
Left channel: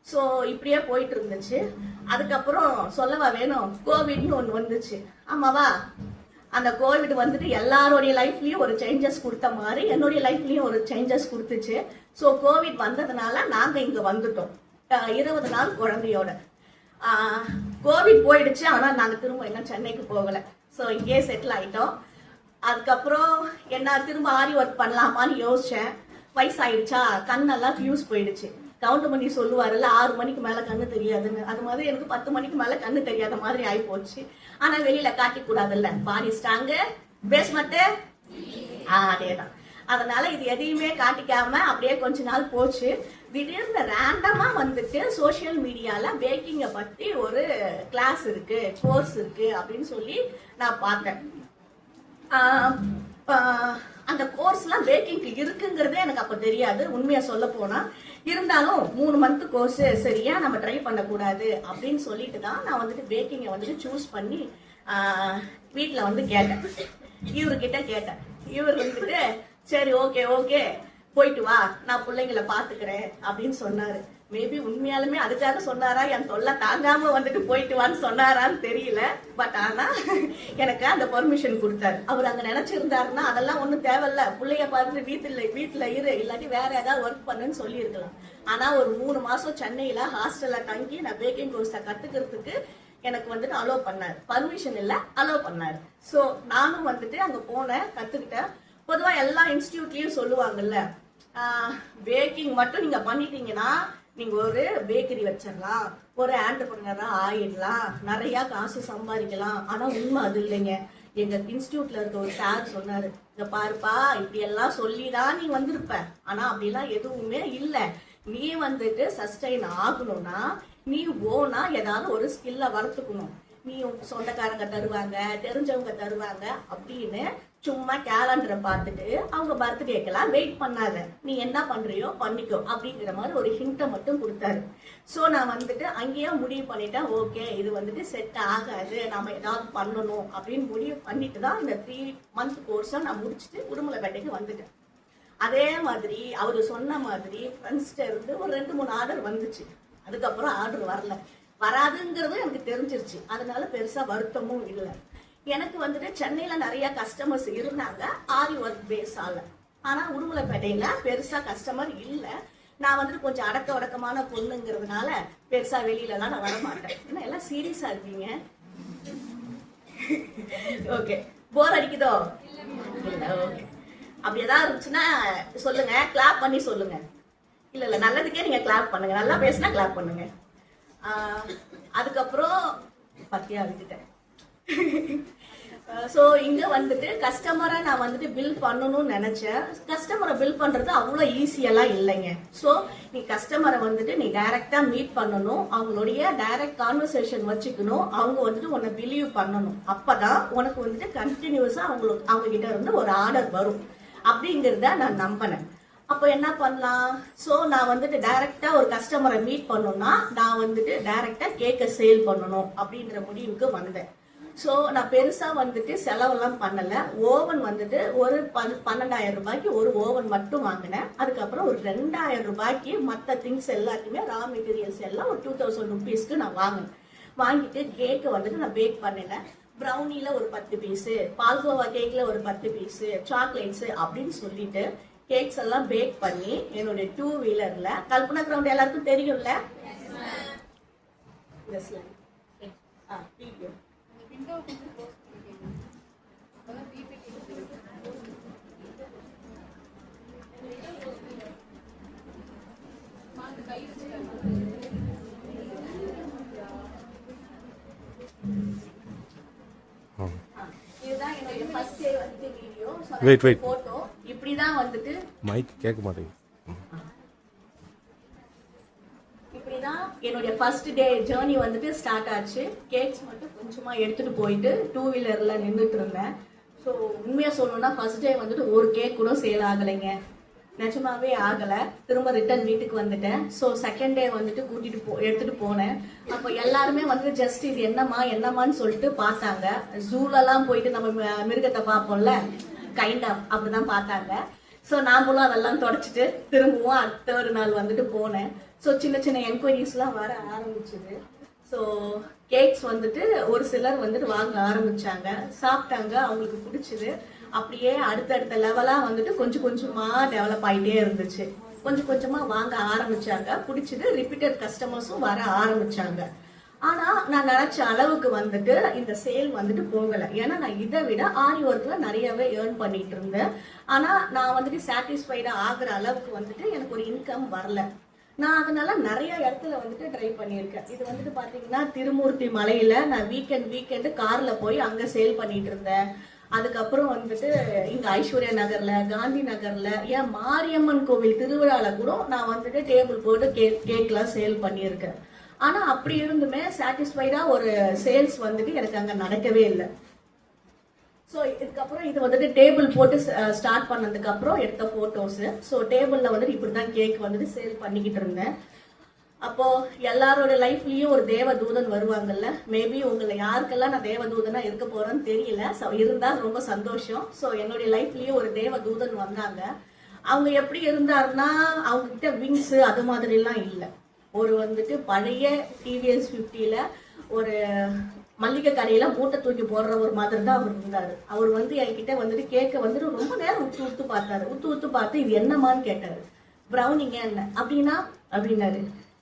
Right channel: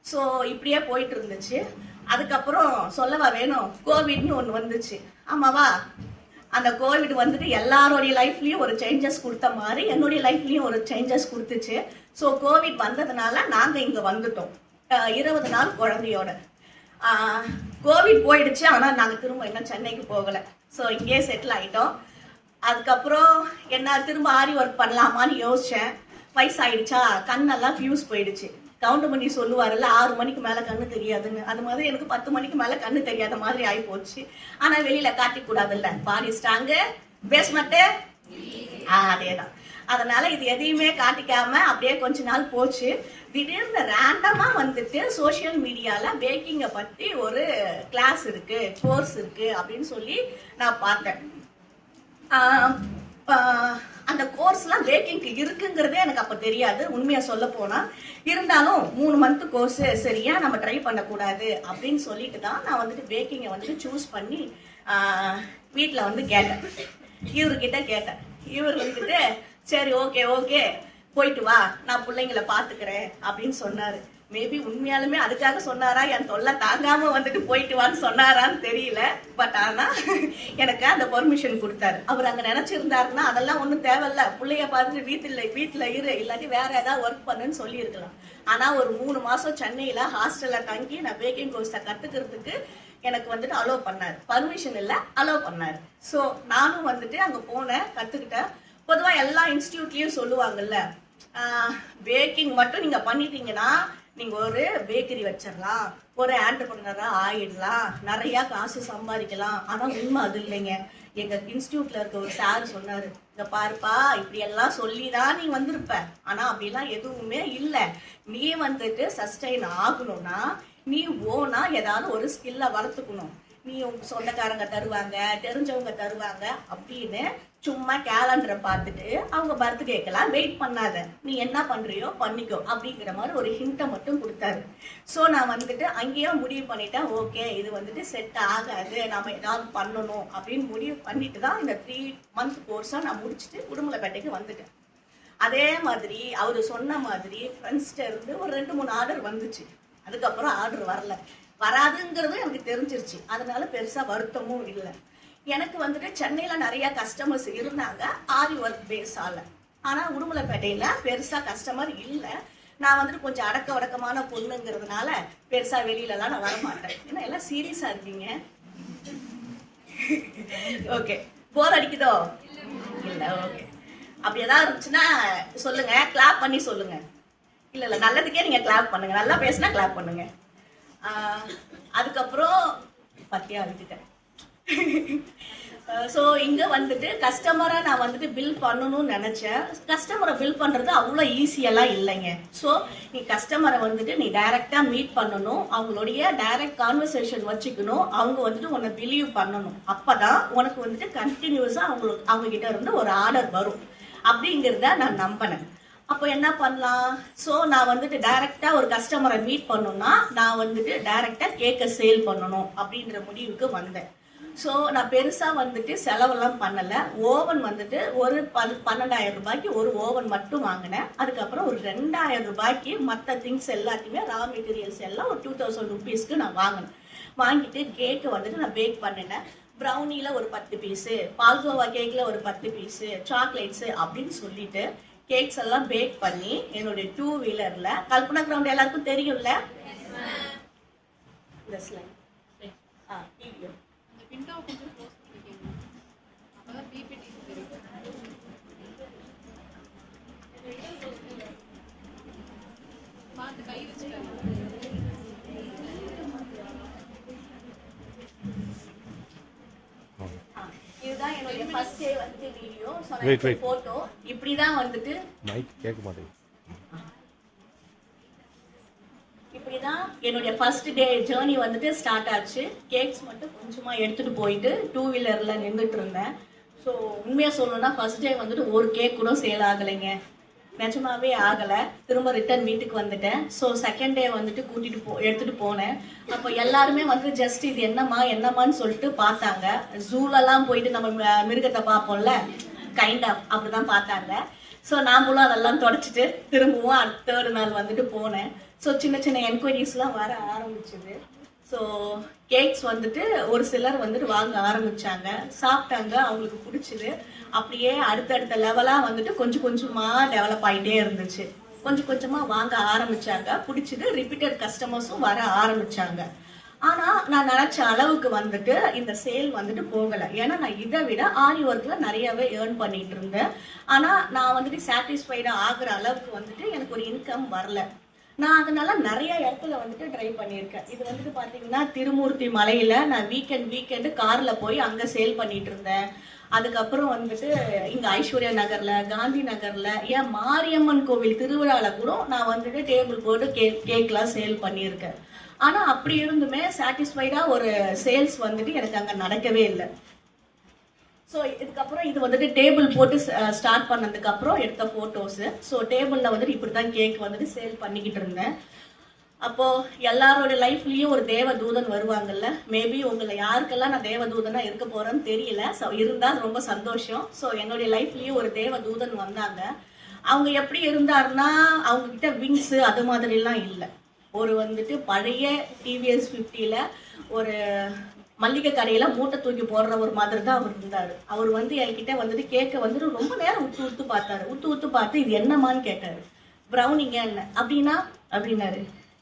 ஸோ இப்படியே போயிட்டு இருந்துச்சு. அதுக்கப்புறம் சொல்லவா வேணும், கோவிட்னு ஒன்று வந்துச்சு. ஆமாவா? அந்த கோவிட் வந்துட்டு எல்லாருடைய லைஃப்லயும் ஒரு சேஞ்சஸ் கொடுத்த மாதிரி என்னுடைய லைஃப்லயும் ஒரு சேஞ்சஸ் கொடுத்துச்சு. ஸோ கோவிட் வந்ததுனால நாங்க இங்க வந்துட்டோம் 20 நாள் குழந்தையோட. கோவிட் போயிடுச்சு, ஆனா நாங்க திரும்ப இன்னும் சென்னைக்கு போகல. ஸோ இங்கேயே செட்டில் ஆயிட்டோம். அதுக்கப்புறம் என்ன திரும்ப ஆரி ஒர்க் பண்ணலாமான்னு யோசிச்சேன். வயசாயிடுச்சா, கண்ணெல்லாம் ஃபியூஸ் போயிடுச்சு. கவுண்ட் பண்ணி சொல்லுவாருல்ல, 6 மணிக்கு மேல கண்ணு தெரியாதுன்னு, அது மாதிரி எனக்கு 10 மணிக்கு மேல கண்ணு தெரியாத மாதிரி ஆகி போச்சு. ஆனா வெளியில காட்டிக் கூடாதுல்ல, பாடி ஸ்ட்ராங்கு பேஸ்மெண்ட் அதேதான். அதனால இது எதையுமே காட்டிக்காம அப்படியே கொஞ்ச நாள் போச்சு. திடீர்னு ரேண்டமா வந்துட்டு சோசியல் மீடியால பேக்கிங்கை பத்தி ஒரு கிளாஸ் இருக்கு, கோர்ஸ் இருக்கு அப்படின்னு சொல்லி நான் பார்த்தேன். அந்த கோர்ஸ்லாம் பேக்கிங்க்கு இருக்குங்கிறதே எனக்கு அப்ப தெரியாது, உண்மையா சொல்ல போனா. இருந்தாலும் 3 மந்த் கோர்ஸ், சரியா நம்ம ட்ரை பண்ணக்கூடாது அப்படின்னு சொல்லிட்டு தான் நான் வந்துட்டு பேக்கிங்கை வந்துட்டு சூஸ் பண்ணி வீட்டுல வந்து கேட்டேன், இவர்கிட்ட கேட்டேன். இவர் வந்துட்டு சரி ஓகே போயிட்டு வா, நான் பிள்ளைங்களை பாத்துக்கிறேன் அப்படின்னு சொன்னாரு. மேபி உண்மையாலுமே அதுக்காக சொன்னாரா, என் தொல்லை தாங்காம வந்துட்டு போயிட்டு வான்னு சொன்னாரான்னு தெரியல. பட் ஆனா எனக்கு அந்த பெர்மிஷன் கொடுத்தாரு. அவர் அங்க நினைச்சிருந்தாருன்னா அதெல்லாம் ஒண்ணும் தேவையில்ல, பிள்ளைய பார்த்து வீட்டுல இரு, இல்லாட்டி வேற ஏதாவது ஒர்க் பண்ணுன்னு சொல்லி இருக்கலாம். ஆனா ஒரு 3 மாசம் சென்னையில ஹாஸ்டல்ல தங்கி நான் பேக்கிங் கோர்ஸை கத்துக்கிறதுக்கு எனக்கு வந்துட்டு அலோவ் பண்ணாரு. பர்மிஷன் இல்ல, அலோவ் பண்ணாரு. சோ நானும் வந்துட்டு அங்க போனேன், கத்துக்கிட்டேன். பொதுவா எல்லா இன்ஸ்டிடியூட்லயும் சொல்லுவாங்கல்ல, பேக்கிங் மட்டும் நீங்க பண்ணிட்டீங்கன்னா நீங்க ஒரு பேக்கரி வச்சிடலாம், ஒரு ஆண்டர்பிரனரா ஆயிடலாம், நிறைய காசு சம்பாதிக்கலாம். ஆனா உண்மை அது இல்லைங்க. எங்க இன்ஸ்டிடியூட்ல இருக்க ஒரு சார் சொன்னாரு, இங்க பாருப்பா, இப்படி எல்லாம் சொல்லிதான் நீ வந்திருப்ப, ஆனா அப்படிலாம் எதுவுமே இல்ல. நீ வந்துட்டு சஸ்டைன் ஆகணும்னா நீ ஓனா ஏதாவது ஒரு ஸ்கில்ல வளர்த்துக்கணும். நீ உங்க சொந்தக்காரங்க தருவாங்க, தெரிஞ்சவங்க தருவாங்க அப்படின்னு சும்மா கேலண்டரை பார்த்துட்டு அவங்க பர்த்டேக்கெல்லாம் வெயிட் பண்ணாத, நீ என்ன பண்றியோ பண்ணிக்கோ அப்படிங்கிற மாதிரி ஒரு ஹிண்ட்டை மட்டும் கொடுத்தாரு. ஸோ நான் வந்துட்டு அங்கேயே முடிவு பண்ணிட்டேன், ஓகே இது வந்துட்டு செட் ஆகாது, நம்ம ஏதாவது பண்ணணும் அப்படின்னு முடிவு பண்ணிட்டு தான் இந்த 3 மந்த் கோர்ஸை நான் முடிச்சுட்டு உடுமலைப்பேட்டைக்கு வந்துட்டேன். அதே மாதிரி அவரு சொன்ன மாதிரி ஃப்ரெண்ட்ஸ்ட இருந்து ஒரு 2-3 ஆர்டர் வந்துச்சு. அதுக்கப்புறம் ஆர்டர் வரல. வராதுங்கிறது எனக்கு தெரிஞ்சிருச்சு. அதனால பெருசா வருத்தமும் இல்லை. எனக்கு வந்துட்டு சென்னையில நிறைய கஸ்டமர்ஸ் இருந்தாங்க ஆரி ஒர்க் பேஸால. ஆனா உடுமலைப்பேட்டையில பெருசா கஸ்டமர் இல்லை. நான் வந்துட்டு கொஞ்சம் அடக்க வடக்கமான பொண்ணுங்கிறதுனால பெருசா வெளியில எல்லாம் நான் வர மாட்டேன். ஏன்னா எல்லாம் சீரியஸா இருக்கீங்க. ஓகே, போர் அடிக்குதோ? இல்ல, ஓகே. அப்படி ஏதாவது இருந்துச்சுன்னா சொல்லுங்க, கிளாப் பண்ணி சொல்லுங்க. இல்ல நல்லதுக்கே நீங்க கிளாப் பண்ணுங்க. நல்லா பேசினா கிளாப் பண்ணுங்க. அதுக்கப்புறம் பத்தியா விட்டுட்டேன். ஸோ இங்க வந்துட்டு கஸ்டமரா நான் வந்துட்டு பில் பண்ணணும்னு நினைச்சேன். கஸ்டமரை பில் பண்றது அவ்வளோ ஈஸியெல்லாம் இல்லைங்க. ஸோ நீ கஸ்டமரை வந்துட்டு நீ டைரக்டா மீட் பண்ணணும், அவங்களுடைய டைரக்ட் கான்வர்சேஷன் வச்சுக்கணும், அவங்க வந்துட்டு உன்னை பிலீவ் பண்ணணும். அப்பதான் உனக்கு வந்துட்டு கண்டினியூஸா அவங்க கிட்ட இருந்து ஒரு ஆர்டர் வரும் அப்படிங்கிறத நான் நம்பினேன். அப்போ என்ன பண்ணலாம்? ஸோ நான் வந்துட்டு டைரக்டா ஒரு கஸ்டமரை மீட் பண்ணணும்னா நான் வந்துட்டு டைரக்டா கேக்க சேல் பண்ணணும் அப்படின்ற முடிவுக்கு வந்தேன். ஸோ நான் பெருசா வந்துட்டு செலவெல்லாம் பண்ணல. ஓவன் வந்துட்டு ஒரு 12,000 ரூபாய்க்கு ஒரு ஓவன் மட்டும் வாங்கினேன். அதுக்கப்புறம் ஒரு 2,000 ரூபாய்க்கு மற்ற திங்ஸ் எல்லாத்தையுமே ரா மெட்டீரியல்ஸ் எல்லாம் ஒரு 2,000 ருபீஸ்க்கு நான் வாங்கினேன். வாங்கிட்டு கேக்கு வந்துட்டு நான் பேக் பண்ணினேன். ப்ரௌனில ஒரு 10 பீஸு, பால்கோவா கேக்ல ஒரு 10 பீஸு, சாக்லேட்ஸ் அப்படின்னு சொல்லிட்டு கேக்ஸ் எல்லாம் பேக் பண்ணி என்னுடைய 2 வீலர்ல, கல்பனா கிரவுண்ட் எல்லாருக்கும் தெரியும்ல, இதுதான் என்னுடைய ஃபர்ஸ்ட் டே வந்து வீடியோ. போட்டோ இப்படிதான் வந்துட்டு மைக் கேட்க மாட்டேங்குது. இப்படிதான் என்னுடைய ஃபர்ஸ்ட் டே ஜேர்னி வந்துட்டு ஸ்டார்ட் ஆச்சு. கேக்ஸ் மட்டும் கொஞ்சமா எடுத்துட்டு போயிட்டு 2 வீலர்ல நின்றுட்டு இருந்தேன். ஸோ உண்மையா சொல்லணும்னா ஃபர்ஸ்ட் டே வந்துட்டு ஒரு கேக் கூட சேல் ஆகலைங்க. நிஜமாவே ஆகல. திரும்ப ரிட்டர்ன் வீட்டுக்கு வந்துட்டேன். ஸோ செகண்ட் டே வந்துட்டு எடுத்துட்டு போனேன். அப்போ எல்லாருமே வந்து ஜஸ்ட் இது என்னம்மான்னு சொல்லிட்டு பார்த்தாங்க. ஜூலெல்லாம் போயிட்டு நம்ம மிருகத்தை பார்ப்போம்ல, கைண்ட் ஆஃப் அப்படிதான் பார்த்தாங்க. ஸோ நாமளும் அதெல்லாம் தொடச்சிட்டு திரும்பவும் 3rd நாள் வந்துட்டு போனேன். ஸோ சின்ன சின்ன என்கொயரிஸ்லாம் வர ஆரம்பிச்சுது. ஸோ கேக்ஸ் வந்துட்டு ஒரு சிலர் வந்துட்டு வாங்க ஆரம்பிச்சாங்க, சாப்பிட்டாங்க, அவங்களுக்கு பிடிச்சிது. அப்படியே அடுத்தடுத்த லெவலா வந்துட்டு கொஞ்சம் கொஞ்சமா டெவலப் ஆகிட்டே இருந்துச்சு. கொஞ்சம் கொஞ்சமா வாங்க ஆரம்பிச்சாங்க, பிடிச்சது. ரிப்பீட்டட் கஸ்டமர்ஸும் வர ஆரம்பிச்சாங்க. ஆனா நான் நினைச்ச அளவுக்கு வந்துட்டு இந்த சேல் வந்துட்டு போகல. ஏன்னா நான் இதை விட ஆரி ஒர்க்ல நிறையவே ஏர்ன் பண்ணிட்டு இருந்தேன். ஆனா நான் வந்துட்டு சாட்டிஸ்ஃபைடா ஆகுற அளவுக்கு வந்துட்டு எனக்கு ஒரு இன்கம் வரல. நான் அதனால நிறைய இடத்துல வந்துட்டு ட்ரை பண்ணியிருக்கேன். இது வந்துட்டு பாத்தீங்கன்னா திருமூர்த்தி மலையில நான் வீக்கெண்டு கார்ல போய் அங்க சேல் பண்ணிட்டு இருந்தேன். அதுக்கப்புறம் வந்துட்டு இங்க ஐஸ்வர்யா நகர்ல, காந்தி நகர்ல, ஏன் மாரியம்மன் கோவில் திருவிழால கூட நான் வந்துட்டு டேபிள் போட்டு கேக்லாம் சேல் பண்ணியிருக்கேன். ஆனா அப்படி இருந்துமே சாட்டிஸ்ஃபைடா ஒரு சேல்ஸ் வந்துட்டு எனக்கு அங்க நடக்கவே இல்லை. ஸோ இதுக்கப்புறம் இது வந்துட்டு டேபிள் போட்டு ஸ்டார்ட் பண்ணதுக்கு அப்புறம் எடுத்த போட்டோஸ். ஸோ டேபிள்ல வந்துட்டு இப்படிதான் கேக் வந்துட்டு சேல் பண்ணிக்கிட்டு இருந்தேன். அப்போ எல்லாரோட லைஃப்லயும் ஒரு தேவ தூதன் வருவாங்கல்ல. மேபி உங்களை யாருக்கெல்லாம் நான் தேவ தூதனா இருக்க போறேன்னு தெரியல. ஸோ இருந்தா ரொம்ப சந்தோஷம். ஸோ என்னுடைய லைஃப்லயும் ஒரு தேவ தூதன் வந்தாங்க. அவங்க எப்படி இருந்தாருன்னா அவங்க கிட்ட விங்ஸ் அது மாதிரி எல்லாம் இல்லை. ஒரு வந்துட்டு பழைய டிவிஎஸ் 50ல ஒரு மல்லிகை கடையில மூட்டை தூக்கி போடுற ஒரு மாதிரி தான் அவர் இருந்தாரு. அவர் வந்து என்கிட்ட வந்துட்டு கேட்க வந்துட்டு ரொம்ப நேரம் உத்து பார்த்தாரு. உத்து பார்த்து இது என்னமான்னு கேட்டாரு. ப்ரௌனிங்க என்ன அப்படின்னா அப்படின்னாரு.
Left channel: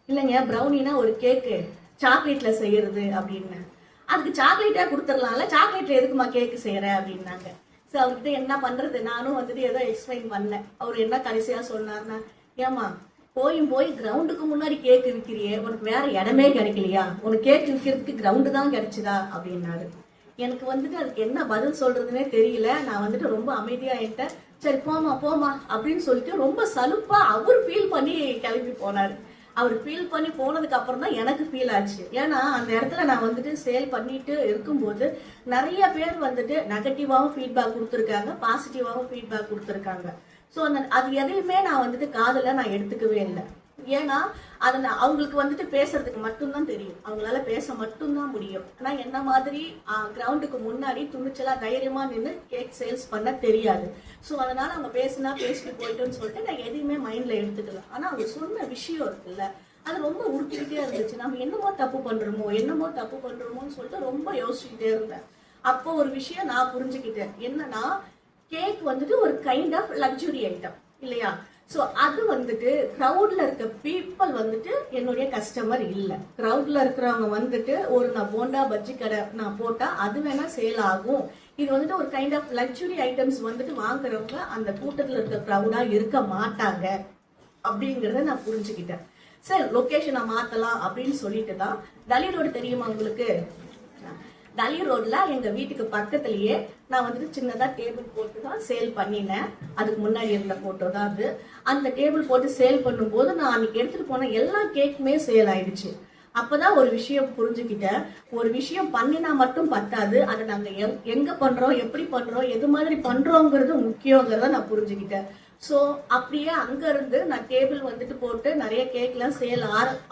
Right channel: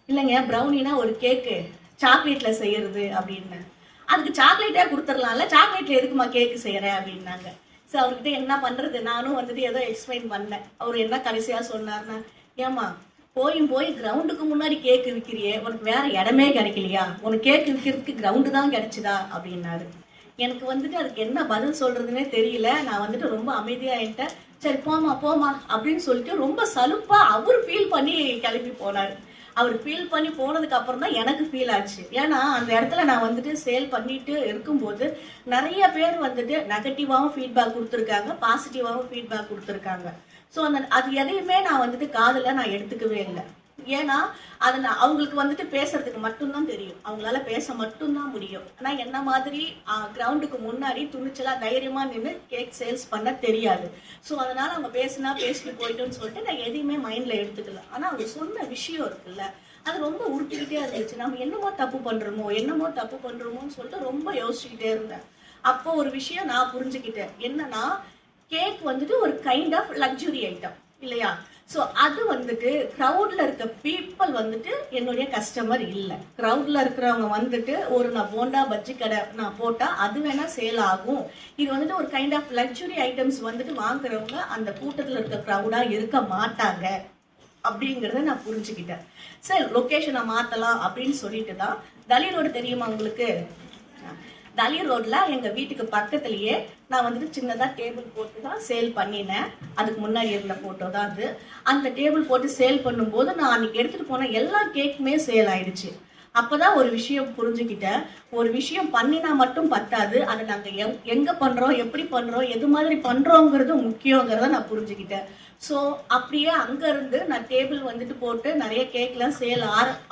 இல்லைங்க, ப்ரௌனினா ஒரு கேக்கு சாக்லேட்ல செய்யறது அப்படின்னு. அதுக்கு சாக்லேட்டே கொடுத்துடலாம்ல, சாக்லேட்ல எதுக்குமா கேக்கு செய்யறேன் அப்படின்னாங்க. ஸோ அவர்கிட்ட என்ன பண்றது, நானும் வந்துட்டு ஏதோ எக்ஸ்பிளைன் பண்ணேன். அவர் என்ன கடைசியா சொன்னார்னா, ஏமா போய் கிரவுண்டுக்கு முன்னாடி கேக் விற்கிறியே, உனக்கு வேற இடமே கிடைக்கலையா, உனக்கு கேக் விற்கிறதுக்கு கிரவுண்டு தான் கிடைச்சுதா அப்படின்னாரு. எனக்கு வந்துட்டு அதுக்கு என்ன பதில் சொல்றதுன்னே தெரியல. நான் வந்துட்டு ரொம்ப அமைதியாயிட்டேன். சரி போமா அப்படின்னு சொல்லிட்டு ரொம்ப சலுப்பா அவர் ஃபீல் பண்ணி கிளம்பி போனாரு. அவர் ஃபீல் பண்ணி போனதுக்கு அப்புறம் தான் எனக்கு ஃபீல் ஆச்சு. ஏன்னா அந்த இடத்துல நான் வந்துட்டு சேல் பண்ணிட்டு இருக்கும்போது நிறைய பேர் வந்துட்டு நெகட்டிவாவும் ஃபீட்பேக் கொடுத்துருக்காங்க, பாசிட்டிவாவும் ஃபீட்பேக் கொடுத்துருக்காங்க. ஸோ அது எதையுமே நான் வந்துட்டு காதுல நான் எடுத்துக்கவே இல்லை. ஏன்னா அது அவங்களுக்கு வந்துட்டு பேசுறதுக்கு மட்டும்தான் தெரியும், அவங்களால பேச மட்டும்தான் முடியும். ஆனா என்ன மாதிரி கிரவுண்டுக்கு முன்னாடி துணிச்சலா தைரியமா நின்று கேக் சேல்ஸ் பண்ண தெரியாது. ஸோ அதனால அவங்க பேசிட்டு போயிட்டோன்னு சொல்லிட்டு நான் எதையுமே மைண்ட்ல எடுத்துக்கல. ஆனா அவங்க சொன்ன விஷயம் இருக்குல்ல, அது ரொம்ப உருட்டிக்கிட்டே இருந்துச்சு. நம்ம என்னமோ தப்பு பண்றோமோன்னு சொல்லிட்டு ரொம்ப யோசிச்சுக்கிட்டே இருந்தேன். அப்போ ஒரு விஷயம் நான் புரிஞ்சுக்கிட்டேன். என்னன்னா, கேக் வந்துட்டு ஒரு கைண்ட் ஆஃப் லக்ஸுரி ஐட்டம் இல்லையா? ஸோ அது வந்துட்டு க்ரௌட்ல இருக்க பீப்புள் வந்துட்டு என்னுடைய கஸ்டமர் இல்லை. க்ரௌட்ல இருக்கிறவங்க வந்துட்டு நான் போண்டா பஜ்ஜி கடை நான் போட்டா அது வேணா சேல் ஆகும். இது வந்துட்டு ஒரு கைண்ட் ஆஃப் லக்ஸுரி ஐட்டம்ஸ் வந்துட்டு வாங்குறவங்க அந்த கூட்டத்தில் இருக்க க்ரௌடா இருக்க மாட்டாங்க அப்படிங்கிறத நான் புரிஞ்சுக்கிட்டேன். சரி, லொக்கேஷனை மாத்தலாம் அப்படின்னு சொல்லிட்டு தான் தலி ரோடு தெரியுமா உங்களுக்கு? தலி ரோட்ல எங்க வீட்டுக்கு பக்கத்துலயே நான் வந்துட்டு சின்னதா டேபிள் போட்டு தான் சேல் பண்ணினேன். அதுக்கு முன்னாடி இருந்த போட்டோ தான் அது. அந்த டேபிள் போட்டு சேல் பண்ணும்போது நான் அன்னைக்கு எடுத்துட்டு போன எல்லா கேக்குமே சேல் ஆயிடுச்சு. அப்பதான் ஒரு விஷயம் புரிஞ்சுக்கிட்டேன். ஒரு விஷயம் பண்ணினா மட்டும் பத்தாது, அதை நாங்க எங்க பண்றோம், எப்படி பண்றோம், எது மாதிரி பண்றோங்கிறது முக்கியங்கிறத நான் புரிஞ்சுக்கிட்டேன். ஸோ அப்படியே அங்க இருந்து நான் டேபிள் வந்துட்டு போட்டு நிறைய கேக்லாம் சேல்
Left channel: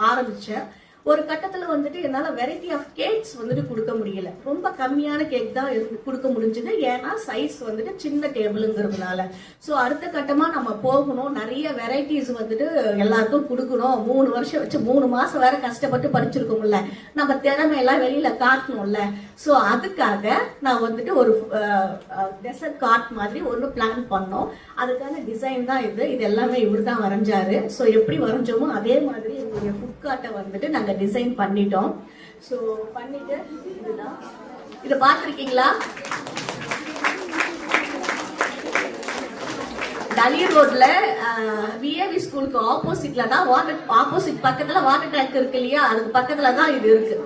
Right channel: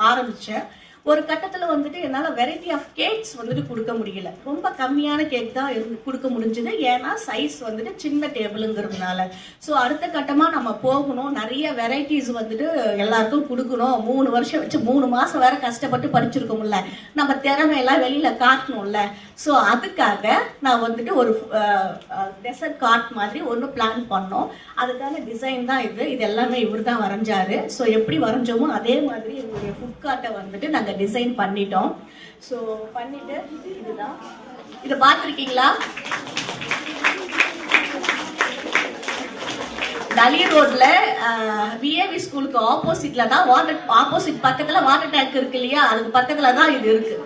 ஆரம்பிச்சேன். ஒரு கட்டத்துல வந்துட்டு என்னால வெரைட்டி ஆஃப் கேக்ஸ் வந்துட்டு கொடுக்க முடியல. ரொம்ப கம்மியான கேக் தான் கொடுக்க முடிஞ்சது. ஏன்னா சைஸ் வந்துட்டு சின்ன டேபிளுங்கிறதுனால. ஸோ அடுத்த கட்டமா நம்ம போகணும், நிறைய வெரைட்டிஸ் வந்துட்டு எல்லாருக்கும் கொடுக்கணும். 3 வருஷம் வச்சு 3 மாசம் வேற கஷ்டப்பட்டு படிச்சிருக்கோம்ல, நம்ம திறமையெல்லாம் வெளியில காட்டணும்ல. ஸோ அதுக்காக நான் வந்துட்டு ஒரு டெசர்ட் கார்ட் மாதிரி ஒன்று பிளான் பண்ணோம். அதுக்கான டிசைன் தான் இது எல்லாமே இவர் தான் வரைஞ்சாரு. ஸோ எப்படி வரைஞ்சோமோ அதே மாதிரி எங்களுடைய ஃபுட் கார்ட்டை வந்துட்டு நாங்கள் டிசைன் பண்ணிட்டோம். ஸோ பண்ணிட்டு இதுதான், இதை பார்த்துருக்கீங்களா? தலி ரோட்ல விஏவி ஸ்கூலுக்கு ஆப்போசிட்ல தான் ஆப்போசிட் பக்கத்துல வாட்டர் டேங்க் இருக்கு இல்லையா, அதுக்கு பக்கத்துல தான் இது இருக்கு.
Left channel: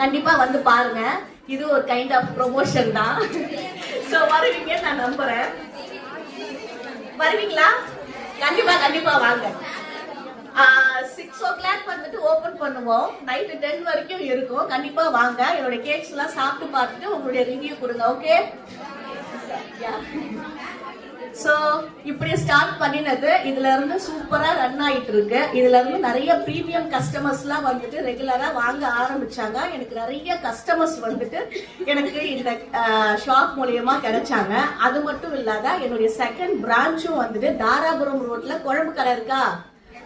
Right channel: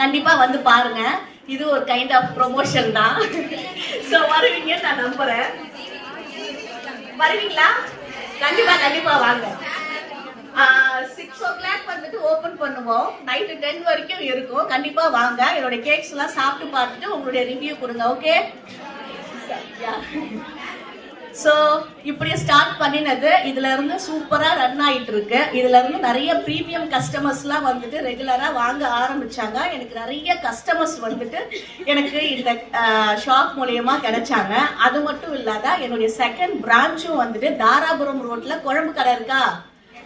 கண்டிப்பா வந்து பாருங்க. இது ஒரு கைண்ட் ஆஃப் ப்ரொமோஷன் தான். சோ வருவீங்க நான் நம்புறேன். வருவீங்களா? கண்டிப்பா வாங்க. 6 o'clock வந்துட்டு ஓபன் பண்ணுவோம். நைட்டு 10 வரைக்கும் இருக்கும். கண்டிப்பா வாங்க. என்னோட கேக்ஸ் எல்லாம் சாப்பிட்டு பார்த்துட்டு உங்களுடைய ரிவ்யூ கொடுங்க. ஓகே? சோ இப்படியே ஸ்டார்ட் பண்ணினது இதுல இருந்து சூப்பரா ரன் ஆயிட்டு இருக்கு. இதுல இருந்து நிறைய பிரீமியம் கஸ்டமர்ஸ் எல்லாம் வந்துட்டு ரெகுலரா வாங்க ஆரம்பிச்சாங்க. எனக்கு நிறைய கஸ்டமர்ஸ் வந்துட்டு எனக்கு இந்த ஷாப் மூலியமா கிடைச்சாங்க. அது மட்டும் இல்லாத என்னுடைய செகண்ட் பிரான்ச்சும் வந்துட்டு தாராபுரம் ரோட்ல குழம்பு கடை இருக்கா,